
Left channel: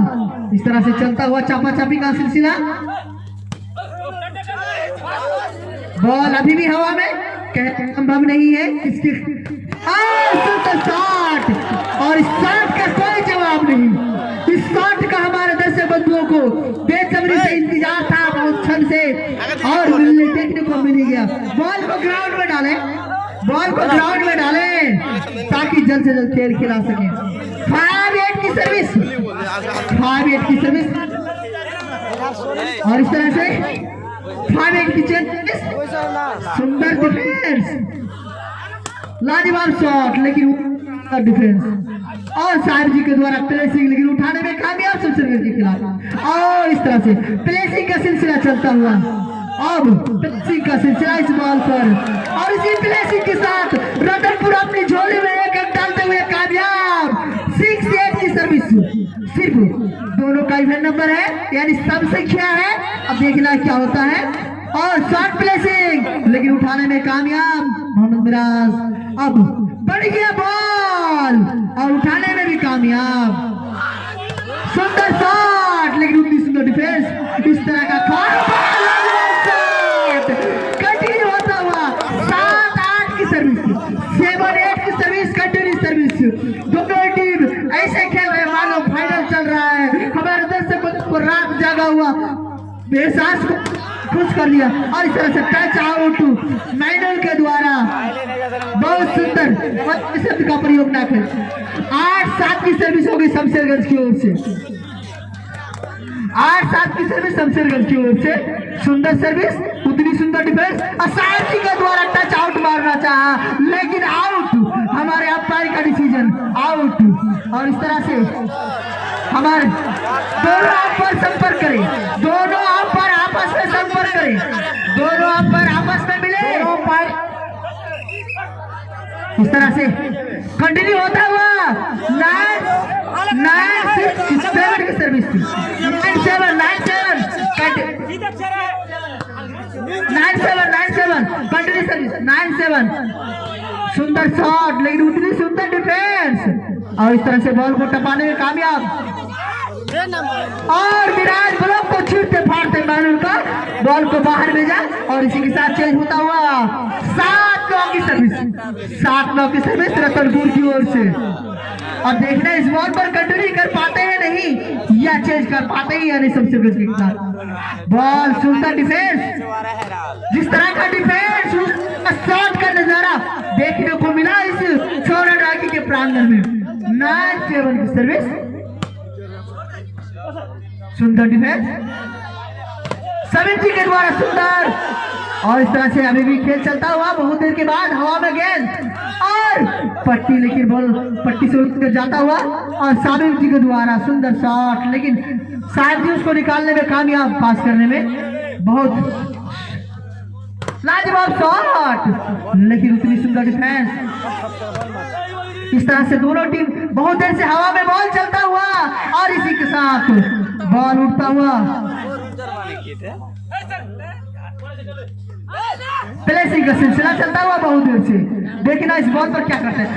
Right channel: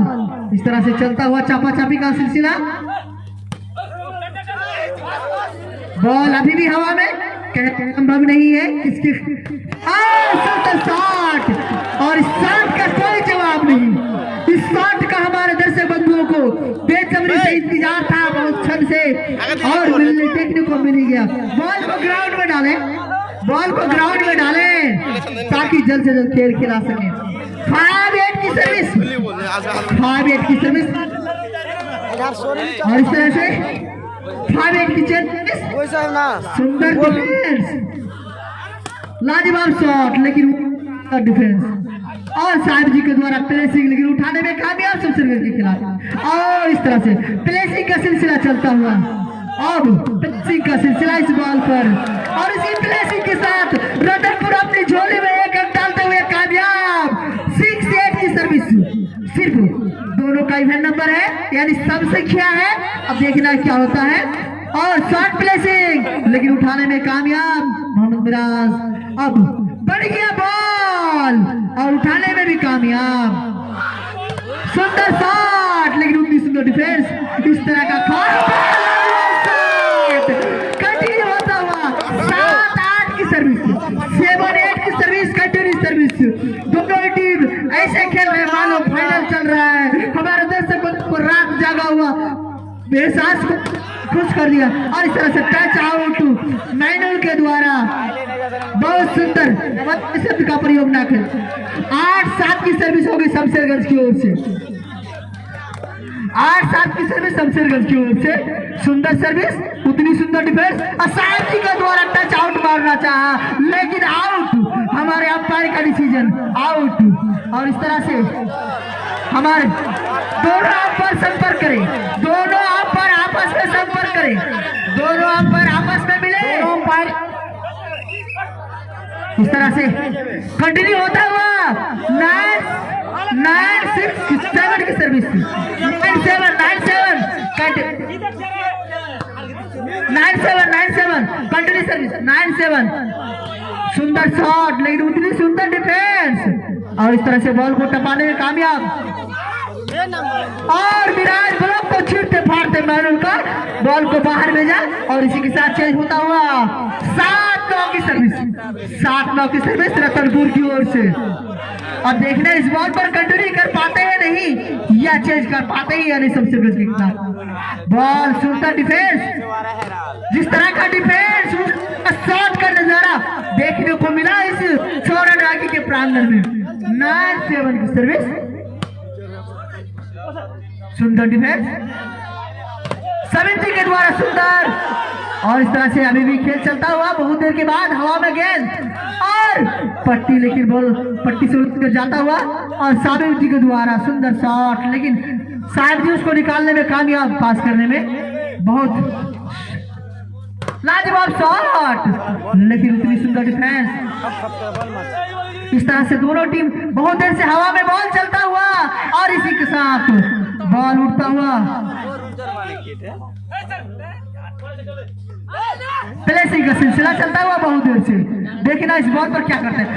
इस तरह से चलता हुआ चापाचापी का सिलसिला। बॉल अभी भी हवा में, संभव नहीं है इसकी शॉट, और इस शॉट का कोई जवाब नहीं। इस शॉट का हमारे दर्शक बंधुओं को बेसब्री से इंतजार था, बहुत क्षण से, और देखने को मिल गया। बॉल को ग्राउंड में डालें ताकि जल्द से जल्द खेल खिला सके। 5-8 की सर्विस और इस तरह से 5-8 की सर्विस, सुंदर डिफेंस, लाजवाब शॉट, लेकिन डिफेंस और साहिब जी के द्वारा प्लेसिंग, लेकिन उठाने में कामयाब शमशेरगंज के खिलाफ। और इस तरह से प्लेसिंग का सिलसिला चलता हुआ, अब प्लेसिंग का सिलसिला इस बॉल पर, और इसी प्लेसिंग के साथ रतनपुर अपनी झोली में 1 अंक डालते हुए कामयाब। 6-8 की सर्विस, सिर्फ दोनों का इवेंट नंबर है यानी सब संख्या है। अब देखना क्या होता है। और शॉट प्लेसिंग, लेकिन उठाने में कामयाब मोहम्मद मिराज। अब बढ़ गया बॉल और उठाने में भी कामयाब। सुंदर शॉट, लेकिन उतनी सुंदर डिफेंस। इस तरह का कंटिन्यू होता हुआ 7-8 की सर्विस, 7-8 की सर्विस, कंटिन्यू सर्विस। दोनों टीम ऐसे खेल रहे मानो फाइनल चल रहा है। हमारे दर्शक को रात जागा हुआ एहसास को खुश कर दिया। और इस तरह से टच आउट मैनुअल के द्वारा, बहुत सुंदर शब्द का प्रयोग ना करें। 8-7 की सर्विस होगी शमशेरगंज की ओर से, 8-7 की सर्विस शमशेरगंज की ओर से। सुंदर सर्विस, उतनी सुंदर डिफेंस, और साहिब जी के द्वारा टच आउट मारना चाहा, लेकिन आउट हमारे आउट। और इस तरह से हमारे दोनों अंपायर संपर्क करें, दोनों अंपायर आपस में संपर्क करें, दोनों अंपायर आपस में मिले। इस तरह से कंटिन्यू होता हुआ 9-7 की सर्विस थी। 9-7 कंटिन्यू सर्विस 9-7। सुंदर शॉट लेकिन उतनी सुंदर डिफेंस और इस तरह से बॉल को टपाने में कामयाब। और विराज ब्लॉक को छीटते फाड़ते मारून का बॉल को बाहर भेजा और इसी के साथ चेंज होता हुआ 7-9 की सर्विस रतनपुर की ओर से। और देखना इस बॉल पर कंटिन्यू कर पाते हैं नहीं या चेंज कर पाते हैं या नहीं। सबसे बड़ी बॉल सुंदर डिफेंस, जिस तरह का डिफेंस शॉट का नजारा देखने को मिला इस छोरा रागी के प्रांगण में। 9-7 की सर्विस, सुंदर डिफेंस समीप जी के द्वारा सुंदर। और इस तरह से अभी भी खेल चलता हुआ बहुत देर के बाद हवा में गेंद और पट्टी, लेकिन बॉल पट्टी से उठ कर जाता हुआ और साबिर जी के द्वारा सुंदर शॉट, लेकिन शायद भी उसको निकालने में कामयाब, पास करने में बहुत लाजवाब शॉट लेकिन उतनी सुंदर डिफेंस। इस तरह से दोनों टीम बहुत देर से हवा में बॉल चलता हुआ और इसी के साथ बॉल उठता हुआ प्लेसिंग का सिलसिला चलता हुआ बहुत देर से। देखना इस बॉल पर क्या करते हैं।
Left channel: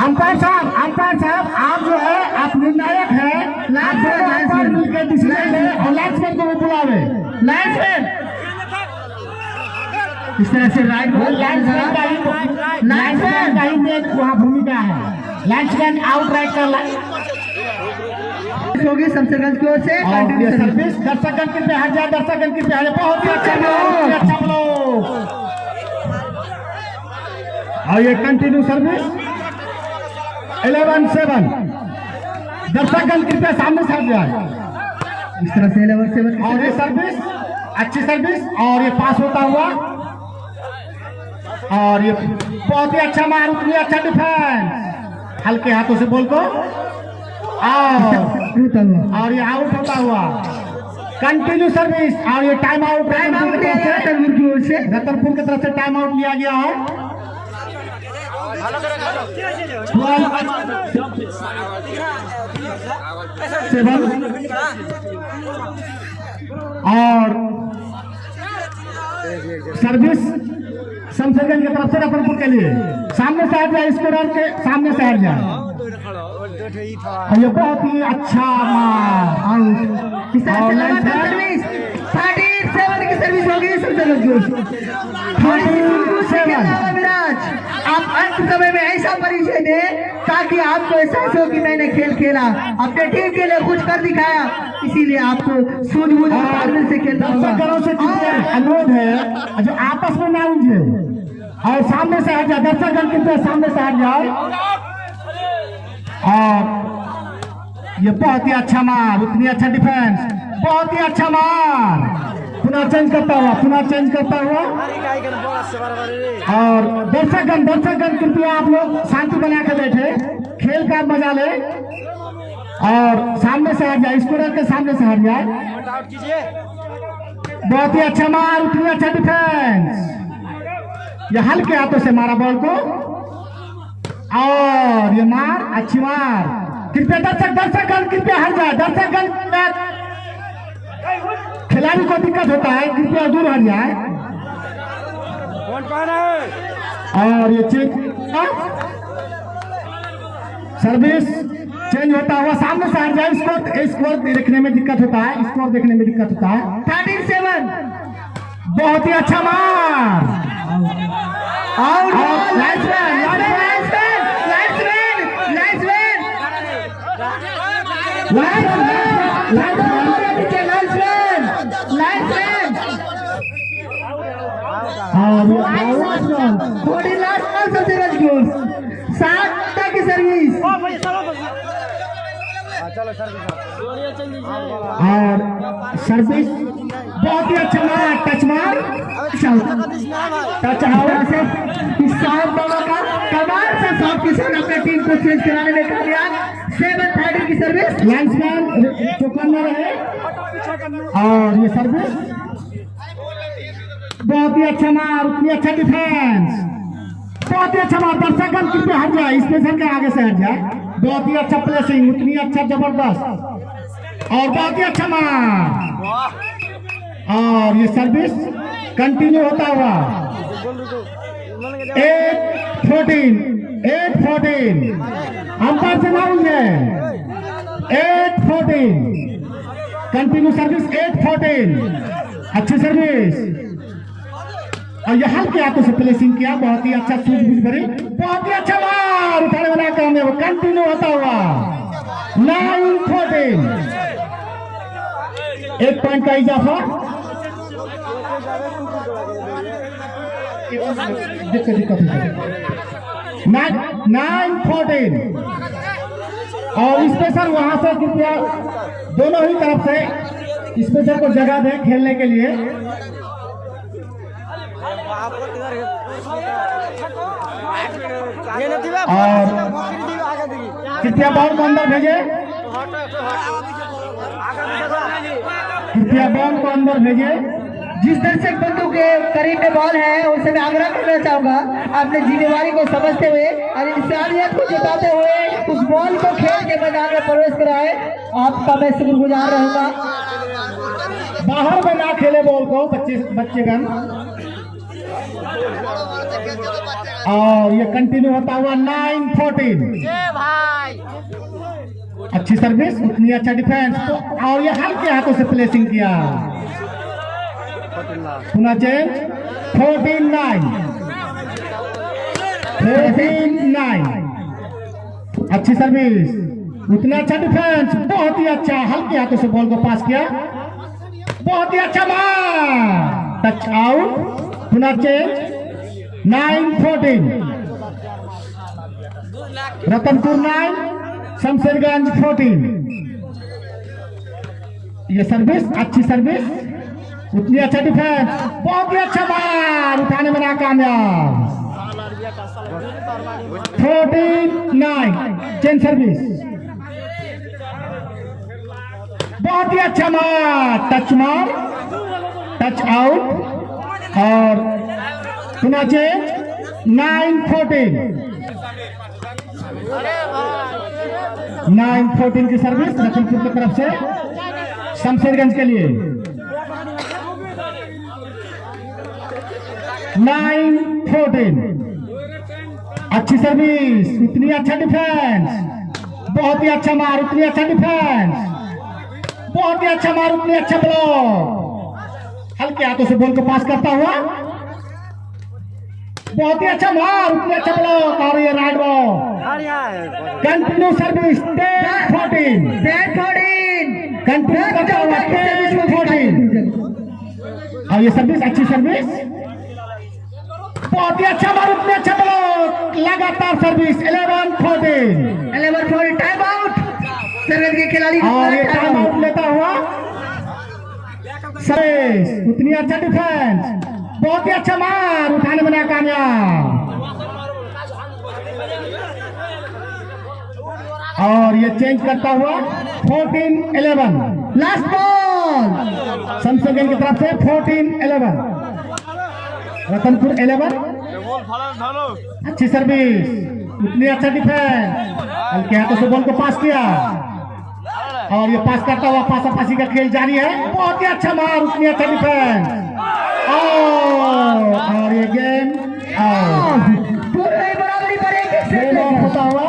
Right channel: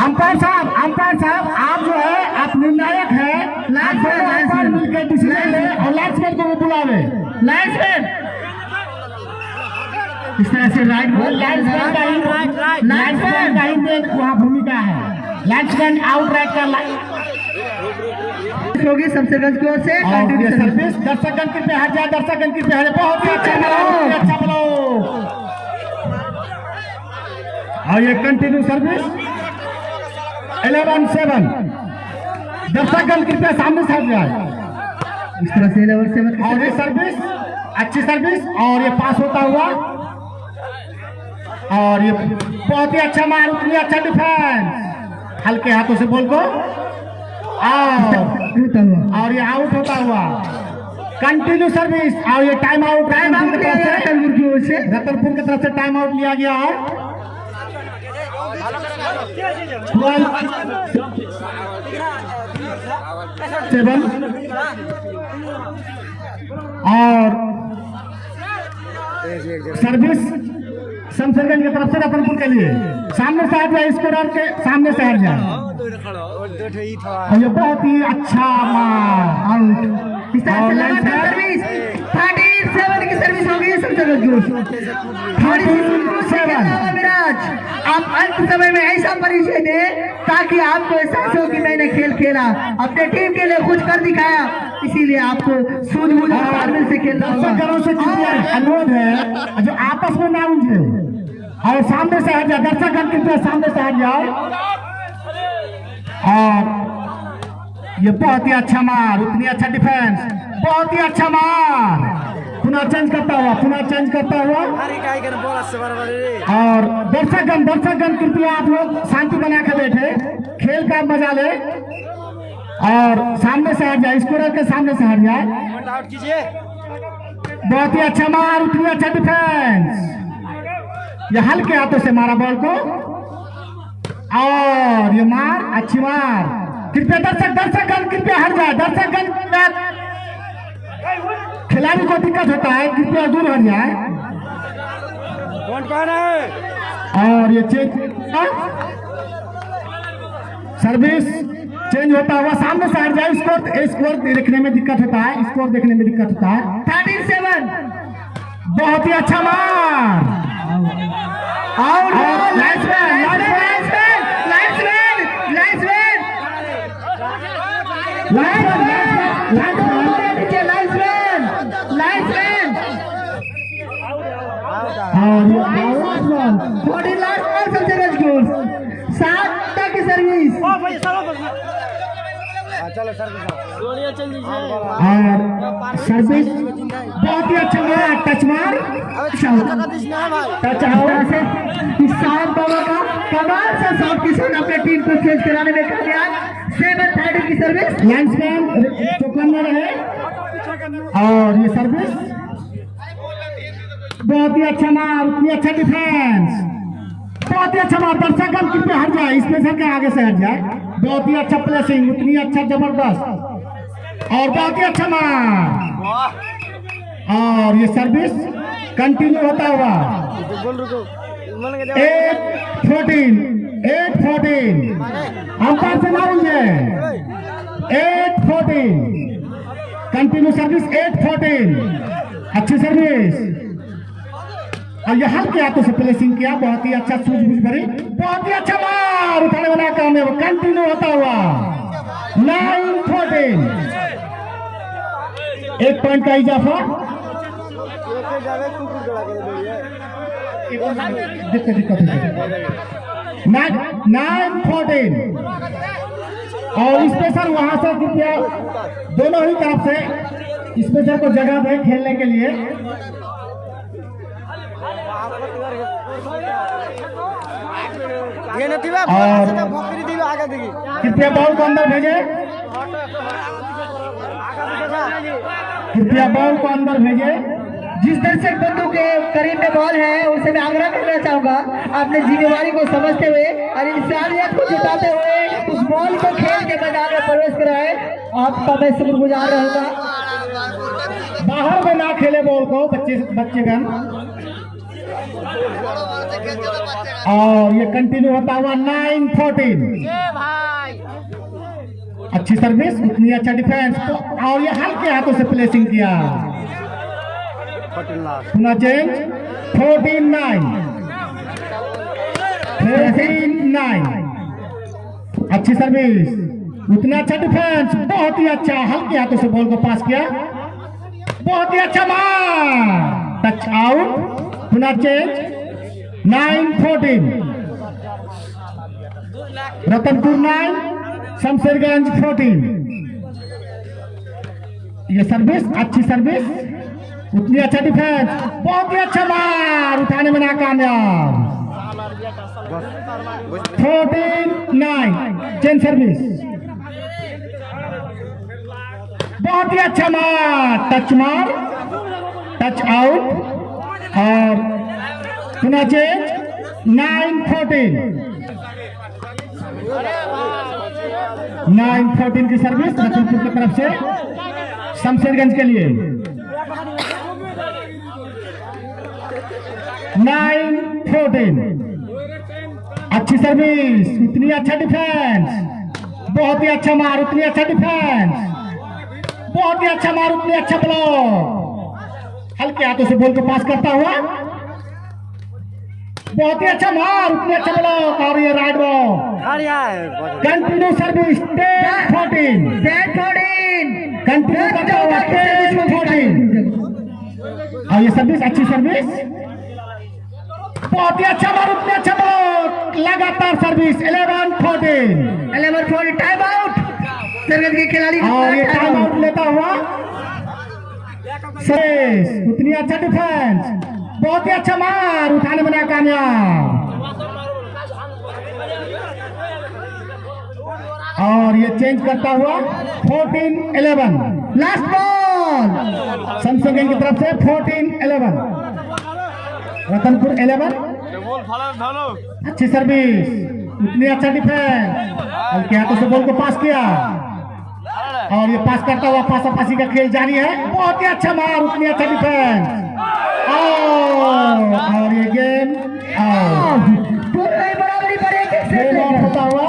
अंपायर साहब आप जो है आप निर्णायक है, लाइन्समैन मिलकर डिसीजन ले, लाइन्समैन को भी बुलावे। लाइन्समैन इस तरह से राइट बॉल लाइन्समैन का ही वहाँ भूमिका है। लाइन्समैन आउट राइट कर होगी शमशेरगंज की ओर से सर्विस। दर्शकगण कृपया हट जाए, दर्शकगण कृपया हट जाए। बहुत ही अच्छा और ये कंटिन्यू सर्विस 11-7। दर्शकगण कृपया सामने से हट जाए। इस तरह से 11-7 और ये सर्विस अच्छी सर्विस और ये पास होता हुआ और ये बहुत ही अच्छा मार, उतनी अच्छा डिफेंस, हल्के हाथों से बॉल को और ये आउट होता हुआ। कंटिन्यू सर्विस और ये टाइम आउट रतनपुर की ओर से, रतनपुर की तरफ से टाइम आउट लिया गया है। और सर्विस शमशेरगंज की तरफ से रतनपुर के लिए सामने से हट जाए, स्कोरर के सामने से हट जाए। ये बहुत ही अच्छा आउट। इस तरह से सर्विस 37 की सर्विस हो गई शमशेरगंज की। आप अंत समय में ऐसा परिचय दे ताकि आपको एहसास हो कि मैंने खेल खेला, अपने टीम के लिए कुछ कर दिखाया, इसीलिए आपको सूझबूझ से खेलना होगा। अनुरोध है जो आपस में ना उलझे और सामने से हट जाए, दर्शकगण के सामने से हट जाओ। और ये बहुत ही अच्छा मार, उतनी अच्छा डिफेंस, बहुत ही अच्छा मार। पुनः चेंज करता हुआ और दर्शकगण कृपया आप लोग शांति बना के बैठे, खेल का मजा ले और सामने से हट जाए, स्कोरर के सामने से हट जाए। बहुत ही अच्छा मार, उतनी अच्छा डिफेंस, ये हल्के हाथों से मारा बॉल को और ये मार, अच्छी मार। कृपया दर्शकगण कृपया हट जाए, दर्शकगण खिलाड़ी को दिक्कत होता है, कृपया दूर हट जाए। और ये सर्विस चेंज होता हुआ सामने से हट जाए। स्कोर देखने में दिक्कत होता है, 13-7। बहुत ही अच्छा मार और थोड़ी लास्ट बॉल सबसे मजबूत 7 की सर्विस और सर्विस बहुत ही अच्छा मार टच मार टच आउट से इशार बाबा का कमाल से शॉट के साथ अपने टीम को चेंज कराने में कामयाब 7-30 की सर्विस लाइन्समैन चौका में रहे और ये सर्विस बहुत ही अच्छा मार उतनी अच्छा डिफेंस बहुत ही अच्छा मार दर्शक कितने हट जाए स्पेशल के आगे से हट जाए बहुत ही अच्छा प्लेसिंग उतनी अच्छा जबरदस्त और बहुत ही अच्छा मार और ये सर्विस कंटिन्यू होता हुआ 8-14 अंपायर से ना है 8-14 कंटिन्यू सर्विस 8-14 अच्छी सर्विस और यहाँ के हाथों से प्लेसिंग किया बहुत ही अच्छा सूझबूझ भरी बहुत ही अच्छा मार उठाने वाला काम कंटिन्यू होता हुआ 9-14 1 पॉइंट का इजाफा दिक्कत 9-14 और स्पेशल वहां से कृपया दोनों ही तरफ से स्पेशल को जगह दें खेलने के लिए और कृपया बॉल को अंदर भेजे जिस दर्शक बंधु के करीब में बॉल है उनसे मैं आग्रह करना चाहूंगा अपनी जिम्मेदारी को समझते हुए और इंसानियत को जताते हुए उस बॉल को खेल के मैदान में प्रवेश कराए आपका मैं शुक्रगुजार रहूंगा बाहर में ना खेले बॉल को बच्चेगण और ये कंटिन्यू होता हुआ 9-14 अच्छी सर्विस उतनी अच्छा डिफेंस और ये हल्के हाथों से प्लेसिंग किया पुनः चेंज 14-9 अच्छी सर्विस उतना अच्छा डिफेंस बहुत ही अच्छा हल्के हाथों से बॉल को पास किया बहुत ही अच्छा मार टच आउट पुनः चेंज 9-14 रतनपुर 9 शमशेरगंज 14 ये सर्विस अच्छी सर्विस उतनी अच्छा डिफेंस बहुत ही अच्छा मार उठाने में नाकामयाब 14-9 चेंज सर्विस बहुत ही अच्छा मार टच आउट और पुनः चेंज 9-14 की सर्विस लखनपुर की तरफ से शमशेरगंज के लिए 9-14 अच्छी सर्विस इतनी अच्छा डिफेंस बहुत ही अच्छा मार उतनी अच्छा डिफेंस बहुत ही अच्छा मार उतनी अच्छा ब्लॉक हल्के हाथों से बॉल को पास करता हुआ बहुत ही अच्छा मार उतनी अच्छा ब्लॉक और ये right ball continue service 10-14 continue करता हुआ 10-14 और ये सर्विस अच्छी सर्विस बहुत ही अच्छा मार उतनी अच्छा ब्लॉक लगातार सर्विस 11-14 टाइम आउट के खिलाड़ी और ये टाइम आउट लेता हुआ सर्विस उतनी अच्छा डिफेंस बहुत ही अच्छा मार उठाने में नाकामयाब और ये चेंज करता हुआ 14-11 लास्ट बॉल शमशेरगंज की तरफ से 14-11 रतनपुर 11 अच्छी सर्विस उतनी अच्छा डिफेंस हल्के हाथों से बॉल को पास किया और ये पास करता हुआ पासापासी का खेल जारी है बहुत ही अच्छा मार उतनी अच्छा डिफेंस और ये गेम होता हुआ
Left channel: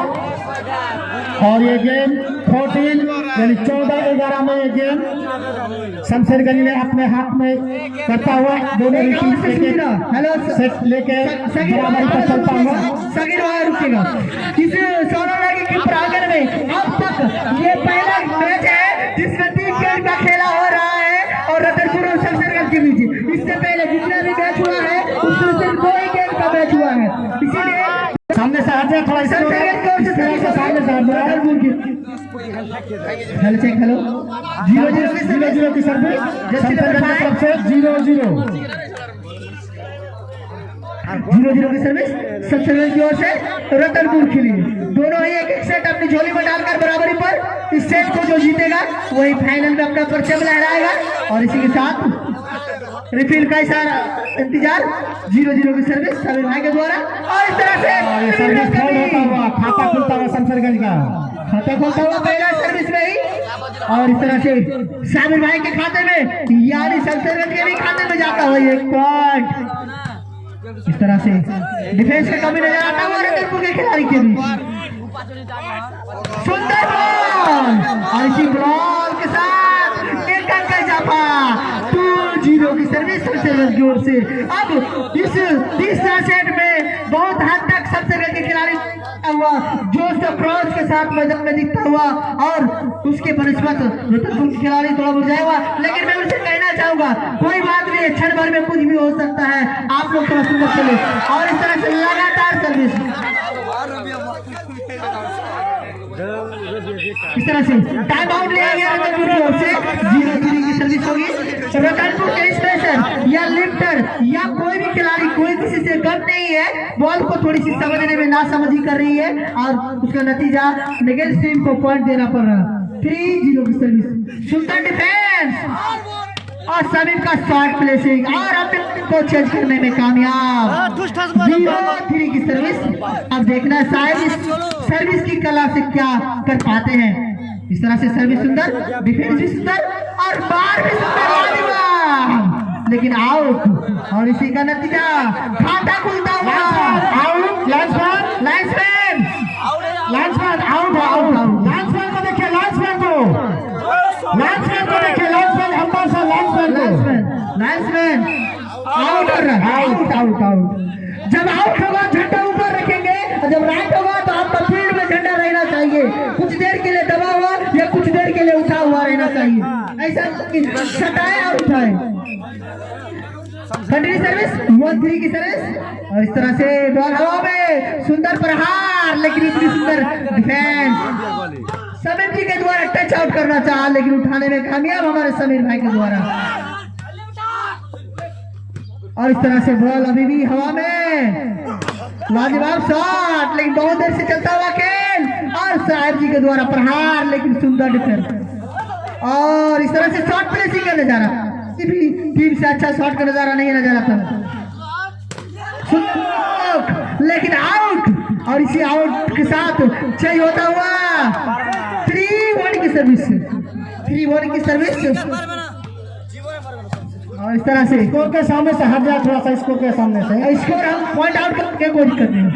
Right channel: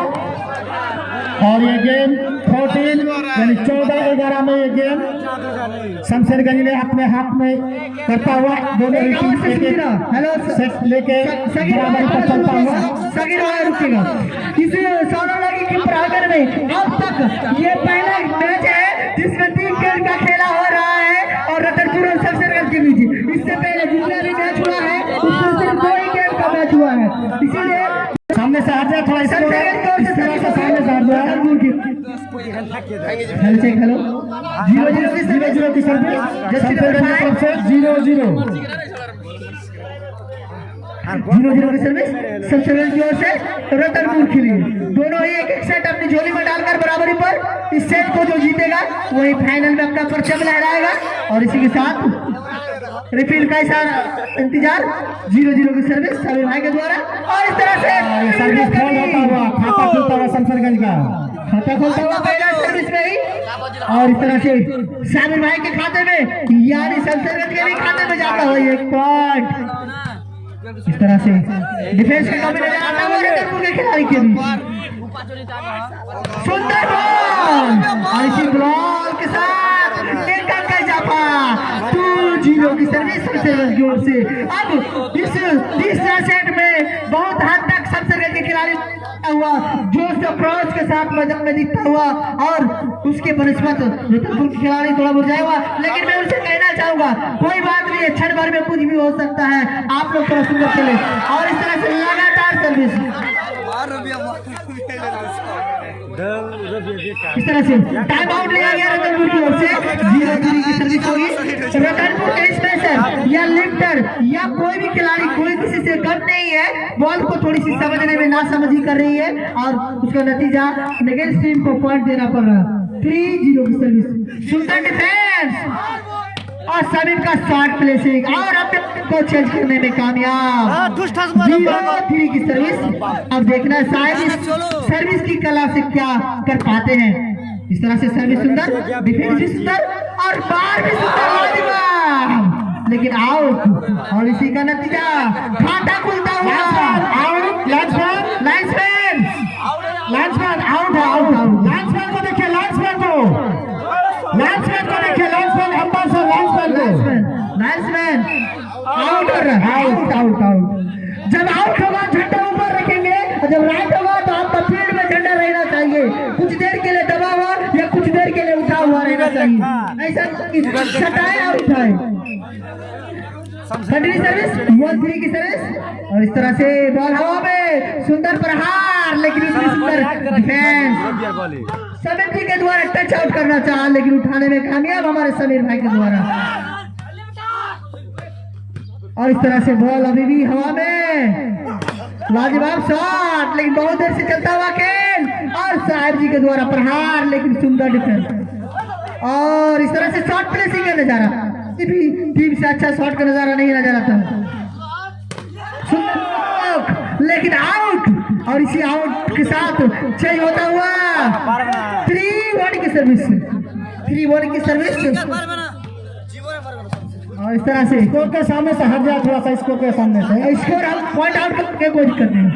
और ये गेम 14 यानी 14-11 में ये गेम शमशेरगंज ने अपने हाथ में करता हुआ दोनों हेलो सेट लेके बराबरी पर चलता हुआ रुकेगा इस सोना की प्राइगर में अब तक ये पहला मैच हेलो चेक हेलो 0-0 की सर्विस शमशेरगंज की तरफ से 0-0 की सर्विस शमशेरगंज की ओर से रतनपुर के लिए। दोनों ही एक सेट अपनी झोली में डालकर बराबरी पर इस सेट को जो जीतेगा वही फाइनल में अपना परचम लहराएगा। और इसी के साथ रिफिल का इशारा इंतजार 0-0 की सर्विस सभी भाई के द्वारा। और इस तरह से सर्विस होता हुआ खाता खुलता हुआ शमशेरगंज का खाता खुलता हुआ पहला सर्विस में ही। और इस तरह से साबिर भाई के खाते में यानी शमशेरगंज के भी खाते में जाता हुआ 1 पॉइंट। इस तरह से डिफेंस का कमी नजर आता हुआ रतनपुर के खिलाड़ी के भी सुंदर बॉल और इसी बॉल के साथ एक अंक का इजाफा 2-0 की सर्विस शमशेरगंज की ओर से। अब इस तीसरे सेट में बहुत हद तक शमशेरगंज के खिलाड़ी हुआ जोश अप्रोच के साथ मैदान में दिखता हुआ और उसके बनस्पत रतनपुर के खिलाड़ी थोड़ा मुरझाया हुआ। लेकिन मैं उसे कहना चाहूंगा कोई बात नहीं, क्षण भर में कुछ भी हो सकता है, आप लोग थोड़ा सुंदर चले। और इस तरह से लगातार सर्विस इस तरह से टाइम आउट लिया गया रतनपुर की ओर से 0-0 की सर्विस होगी। रतनपुर के स्पेशल या लिफ्टर या कोई भी खिलाड़ी कोई किसी से कम नहीं है, बॉल को थोड़ी सी समझने में नासमझी कर रही है और उसका नतीजा नेगेटिव टीम को पॉइंट देना पड़ रहा। 3-0 की सर्विस सुंदर डिफेंस और समीर का शॉट प्लेसिंग और अपने को चेंज करने में कामयाब 0-3 की सर्विस। अब देखना शायद इस सर्विस की कला से क्या कर पाते हैं। इस तरह से सर्विस सुंदर, डिफेंस भी सुंदर और बार भी सुंदर, लेकिन आउट। और इसी का नतीजा खाता खुलता हुआ आउट। Linesman out. लाइन्समैन को देखिए, लाइन्समैन को देखिए, लाइन्समैन आउट। जब आउट होगा झंडा ऊपर रखेंगे, जब राइट होगा तो आपका फील्ड में झंडा रहना चाहिए, कुछ देर के लिए दबा हुआ या कुछ देर के लिए उठा हुआ रहना चाहिए, ऐसा सटाए और उठाए। कंटिन्यू सर्विस 1-3 की सर्विस और इस तरह से बॉल हवा में सुंदर प्रहार, लेकिन इतनी सुंदर डिफेंस समीर जी के द्वारा टच आउट करना चाहा लेकिन उठाने में कामयाब हमारे समीर भाई के द्वारा। और इस तरह से बॉल अभी भी हवा में लाजवाब शॉट, लेकिन बहुत देर से चलता हुआ खेल और साहिब जी के द्वारा प्रहार, लेकिन सुंदर डिफेंस। और इस तरह से शॉट प्लेसिंग का नजारा, टीम से अच्छा शॉट का नजारा नहीं नजर आता, लेकिन आउट। और इसी आउट के साथ चेंज होता हुआ 3-1 की सर्विस और इस तरह से स्कोर के सामने से हट जाए, थोड़ा सा स्कोर के सामने से स्कोर हम पॉइंट आउट करके कोई दिक्कत नहीं।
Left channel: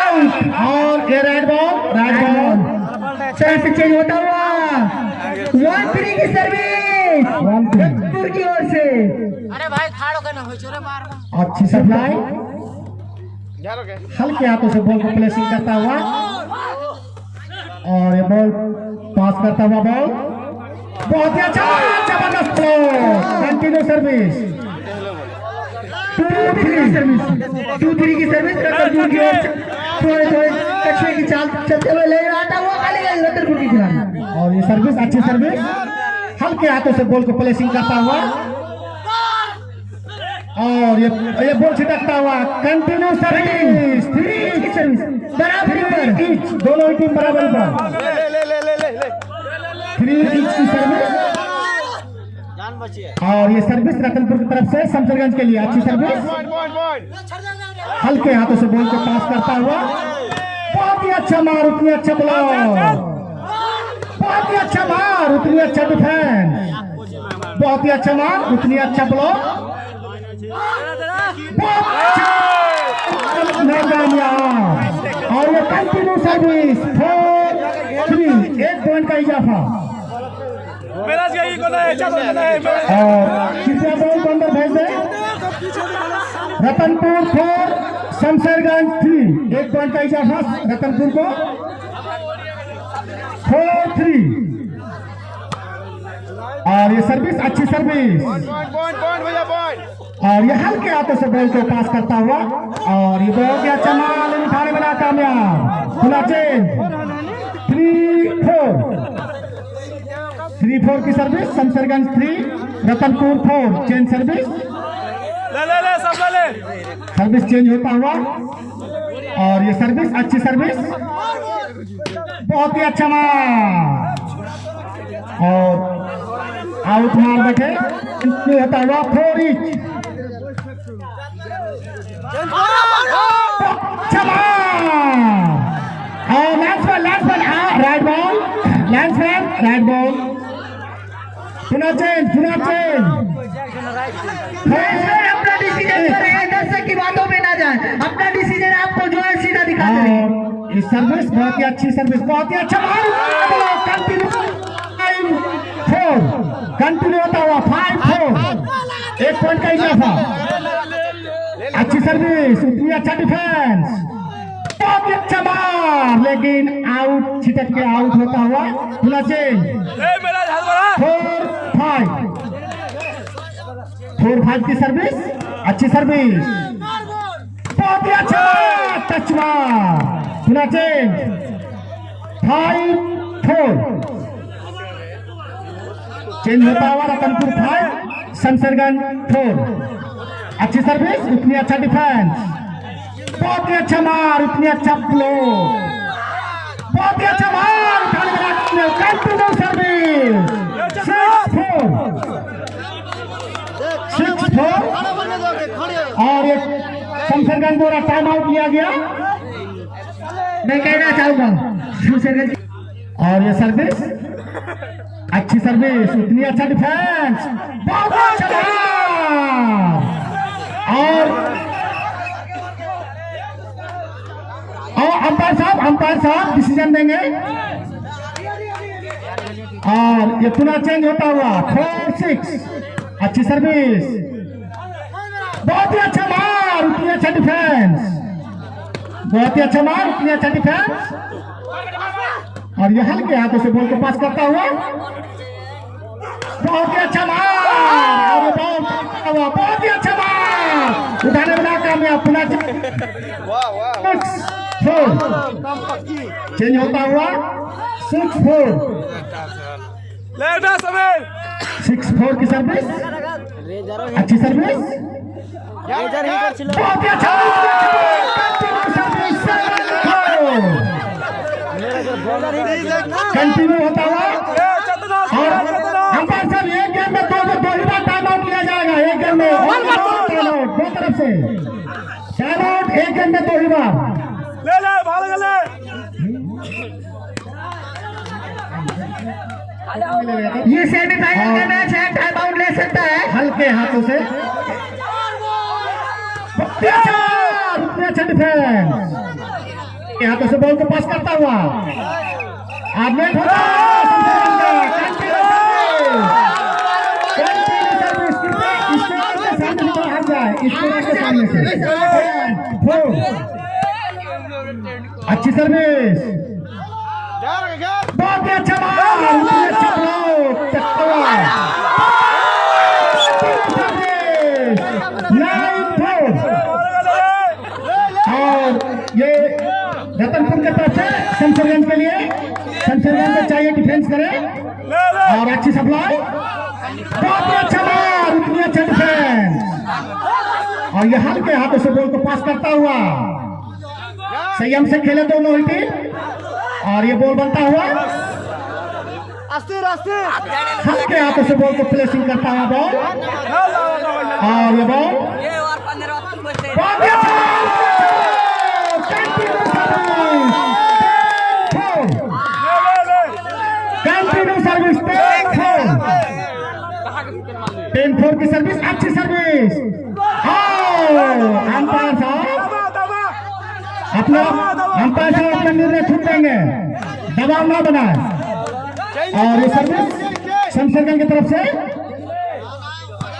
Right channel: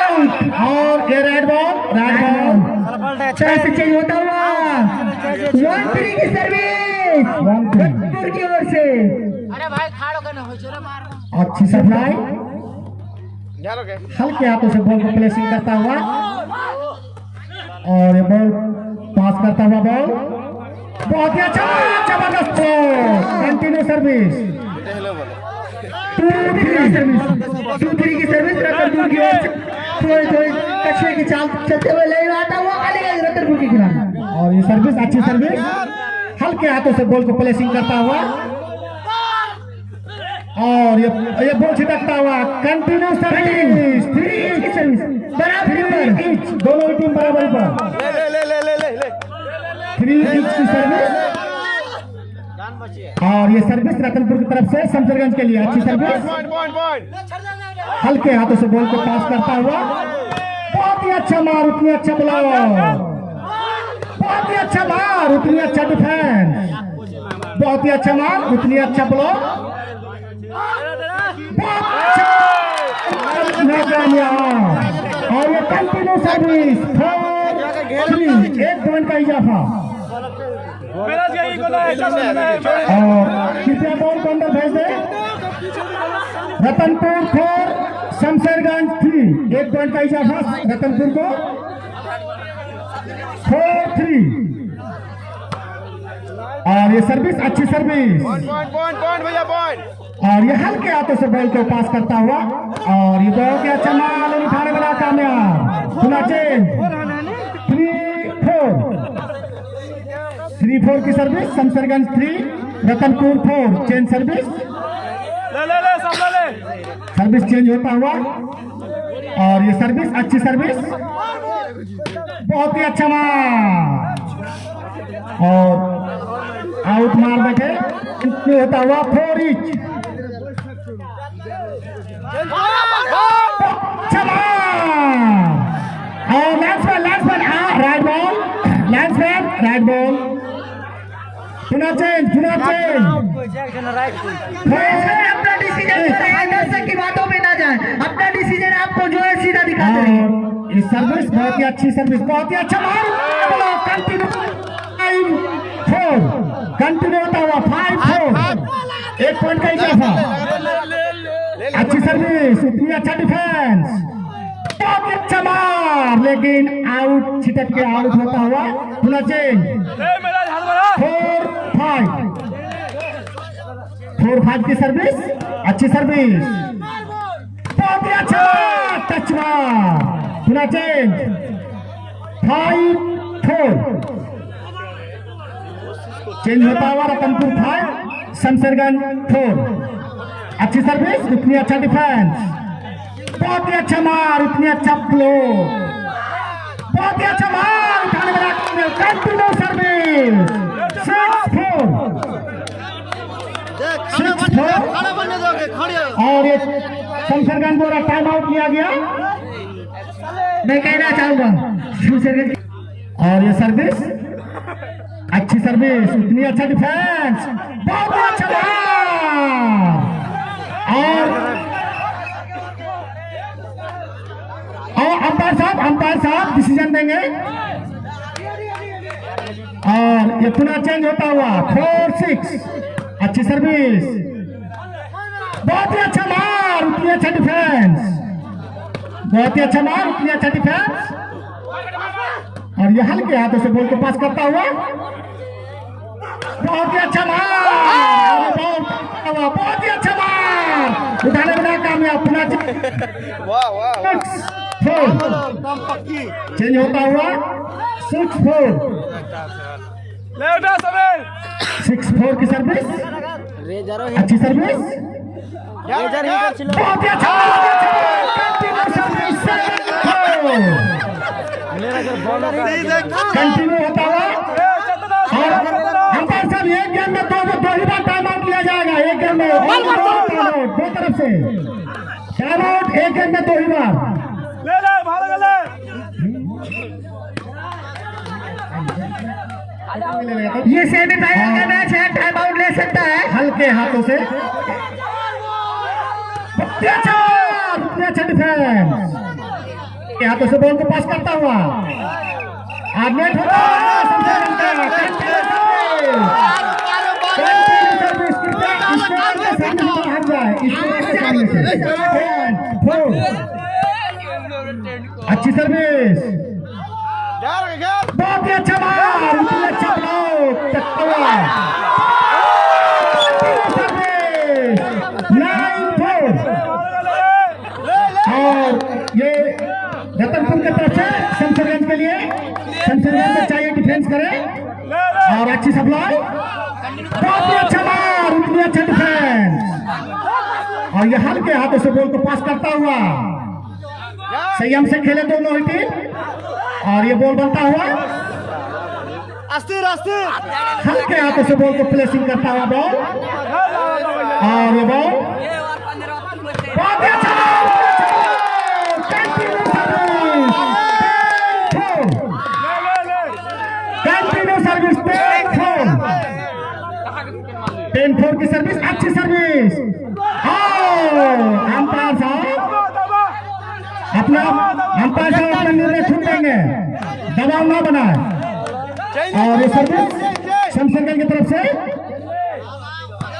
आउट और ये रेड बॉल से चेंज होता हुआ 1-3 की सर्विस रतनपुर की ओर से। अच्छी सप्लाई, हल्के हाथों से बॉल को प्लेसिंग करता हुआ और ये बॉल पास करता हुआ बॉल बहुत ही अच्छा, जबरदस्त कंटिन्यू सर्विस 2-3 की सर्विस रतनपुर की ओर थोड़े कछुए की चाल चलते हुए ले आता हुआ रतनपुर की खिलाड़ी। और ये सर्विस अच्छी सर्विस, हल्के हाथों से बॉल को प्लेसिंग करता हुआ और ये बॉल छिटकता हुआ कंटिन्यू सर्विस 3 की सर्विस बराबर, दोनों ही टीम बराबर पर 3 की सर्विस। और ये सर्विस रतनपुर की तरफ से शमशेरगंज के लिए अच्छी सर्विस, हल्के हाथों से बॉल को पास करता हुआ बहुत ही अच्छा मार, उतनी अच्छा ब्लॉक, बहुत ही अच्छा मार, उतनी अच्छा डिफेंस, बहुत ही अच्छा मार, उतनी अच्छा ब्लॉक, और ये कंटिन्यू सर्विस 4-3 1 पॉइंट का इजाफा। और कितना बॉल को अंदर भेज दे, रतनपुर 4 शमशेरगंज 3 1 पॉइंट का इजाफा रतनपुर को 4-3। और ये सर्विस अच्छी सर्विस और ये हल्के हाथों से बॉल को पास करता हुआ और ये बहुत ही अच्छा माल उठाने वाला कामयाब खुला चेंज 3 3-4 की service, Shamsherganj 3, Ratanpur 4, change service. Service change होता हुआ और ये सर्विस अच्छी सर्विस, बहुत ही अच्छा मार और आउट मार बैठे होता हुआ 4 इंच। चला और राइट बॉल, राइट बॉल, पुनः चेंज। अपना डिसीजन दर्शक की बातों में ना जाए, अपना डिसीजन आपको जो है सीधा दिखाते रहिए। इस सर्विस बहुत ही अच्छी सर्विस, बहुत ही अच्छा मार, कंटिन्यू 5-4, कंटिन्यू होता हुआ 5-4, 1 पॉइंट का इजाफा। अच्छी सर्विस, उतनी अच्छा डिफेंस, बहुत ही अच्छा मार, लेकिन आउट, छिटक के आउट होता हुआ। पुनः चेंज 4-5 की सर्विस, अच्छी सर्विस, बहुत ही अच्छा टच मार। पुनः चेंज 5-4, चेंज होता हुआ रतनपुर 5, शमशेरगंज 4। अच्छी सर्विस, उतनी अच्छा डिफेंस, बहुत ही अच्छा मार, उतनी अच्छा फ्लो, बहुत ही अच्छा मार, उठाने वाला कंटिन्यू सर्विस 6-4 और एक शमशेरगंज द्वारा टाइम आउट लिया गया। मैं कहना चाहूंगा शमशेरगंज और ये सर्विस अच्छी सर्विस, उतनी अच्छा डिफेंस, बहुत अच्छा मार और अंपायर साहब डिसीजन देंगे और ये पुनः चेंज होता हुआ 4-6, अच्छी सर्विस, बहुत ही अच्छा मार, उतनी अच्छा डिफेंस, बहुत ही अच्छा मार, उतनी अच्छा डिफेंस और ये हल्के हाथों से बॉल को पास करता हुआ, बहुत ही अच्छा मार, बहुत ही अच्छा मार, उठाने वाला कामयाब। पुनः चेंज होता हुआ 6-4, 6-4 की सर्विस, अच्छी सर्विस, बहुत ही अच्छा कंटिन्यू होता हुआ। अंपायर साहब एक गेम में दो ही बार टाइम आउट लिया जाएगा, एक गेम में दो तरफ से टाइम आउट, एक गेम में 2 ही बार। ये सेमीफाइनल का मैच है, टाइम आउट ले सकता है हल्के हाथों से, अच्छा डिफेंस, हाथों से बॉल को पास करता हुआ आगे होता अच्छी सर्विस, बहुत ही अच्छा मार, अच्छा ब्लॉक, और ये रतनपुर के तरफ से शमशेरगंज के लिए, शमशेरगंज में चाहिए डिफेंस करे और अच्छी सप्लाई, बहुत ही अच्छा मार, उतनी अच्छा डिफेंस और ये हल्के हाथों से बॉल को पास करता हुआ। संयम से खेले दोनों ही टीम और ये बॉल बनता हुआ हल्के हाथों से बॉल को प्लेसिंग करता हुआ बॉल और ये बॉल बहुत ही अच्छा कंटिन्यू सर्विस 10-4 की सर्विस, अच्छी सर्विस। अंपायर साहब अपना निर्णय छूट देंगे, दबाव ना बनाए और ये सर्विस शमशेरगंज की तरफ से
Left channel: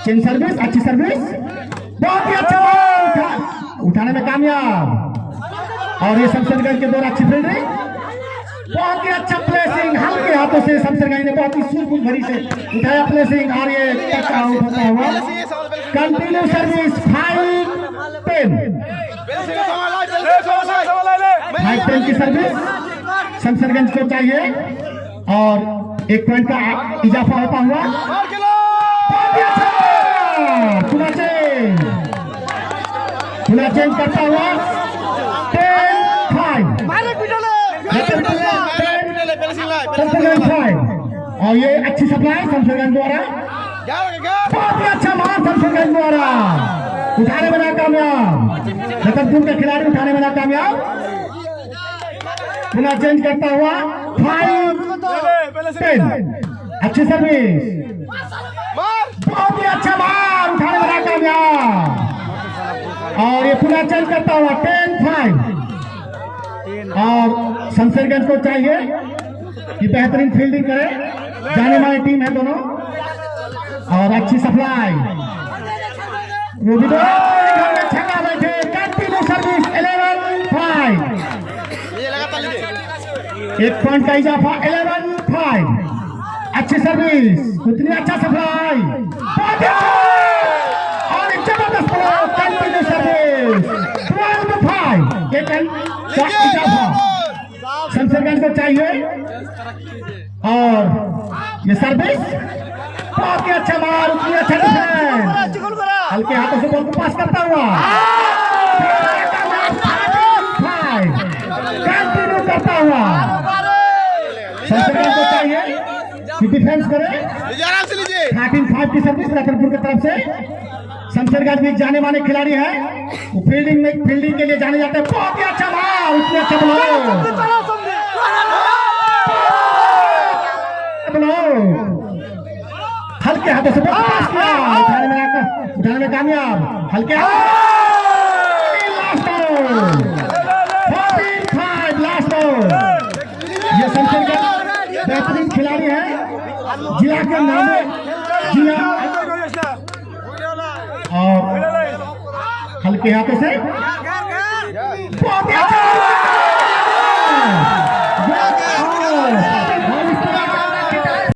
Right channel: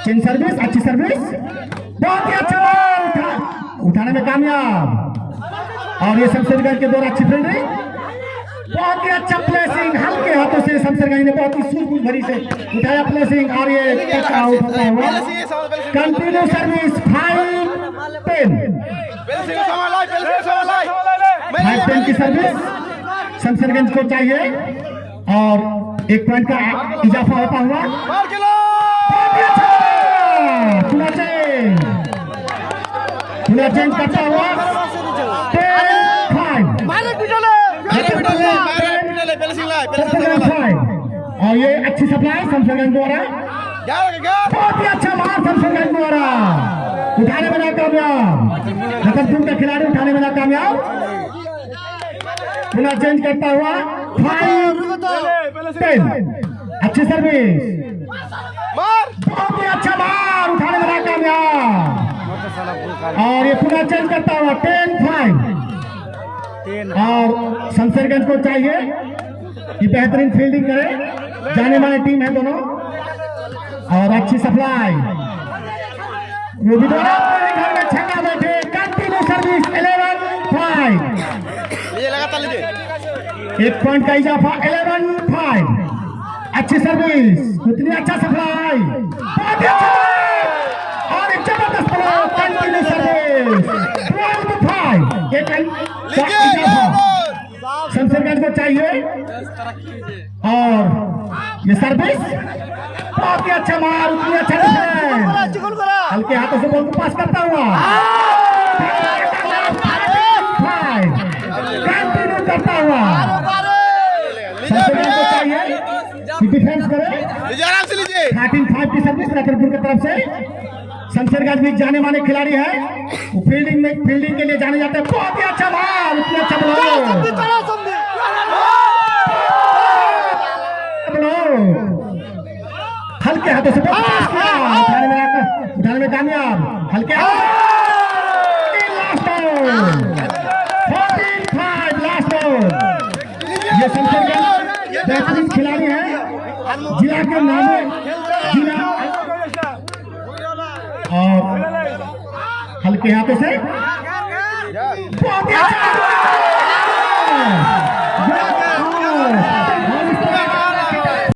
चेंज सर्विस, अच्छी सर्विस, बहुत ही अच्छा उठाने में कामयाब और ये शमशेरगंज के द्वारा अच्छी फील्डिंग, बहुत ही अच्छा प्लेसिंग, हल्के हाथों से शमशेरगंज ने बहुत ही सूझबूझ भरी से उठाया प्लेसिंग और ये टच आउट होता हुआ। कंटिन्यू सर्विस 5-10 की सर्विस शमशेरगंज को चाहिए और 1 पॉइंट का इजाफा होता हुआ मार खेलो पूरा चेंज करता हुआ 10-5 और ये अच्छी सप्लाई शमशेरगंज द्वारा, बहुत ही अच्छा मार शमशेरगंज द्वारा, उठाने में नाकामयाब, रतनपुर का खिलाड़ी उठाने में नाकामयाब। पुनः चेंज करता हुआ 5-10, अच्छी सर्विस, बहुत ही अच्छा मार उठाने में नाकामयाब। और ये पुनः चेंज करता हुआ 10-5 और शमशेरगंज को चाहिए कि बेहतरीन फील्डिंग करे, जाने माने टीम है दोनों। और अच्छी सप्लाई, छक्का बैठे, कंटिन्यू सर्विस 11-5, 1 पॉइंट का इजाफा 11-5, अच्छी सर्विस, उतनी अच्छा सप्लाई, और एक जबरदस्त कंटिन्यू सर्विस 12-5, एक का इजाफा शमशेरगंज को चाहिए। और ये सर्विस, बहुत ही अच्छा मार, उतनी अच्छा डिफेंस, हल्के हाथों से बॉल को पास करता हुआ कंटिन्यू करता हुआ शमशेरगंज को चाहिए कि डिफेंस करे। 13-5 की सर्विस रतनपुर की तरफ से। शमशेरगंज भी जाने माने खिलाड़ी है, वो फील्डिंग के लिए जाने जाते हैं। बहुत ही अच्छा मार, उतने अच्छा बॉल, हल्के हाथों से उठाने में कामयाब, हल्के ये शमशेरगंज बेहतरीन खिलाड़ी है, जिला के नाम जिला, और हल्के हाथों से बहुत ही अच्छा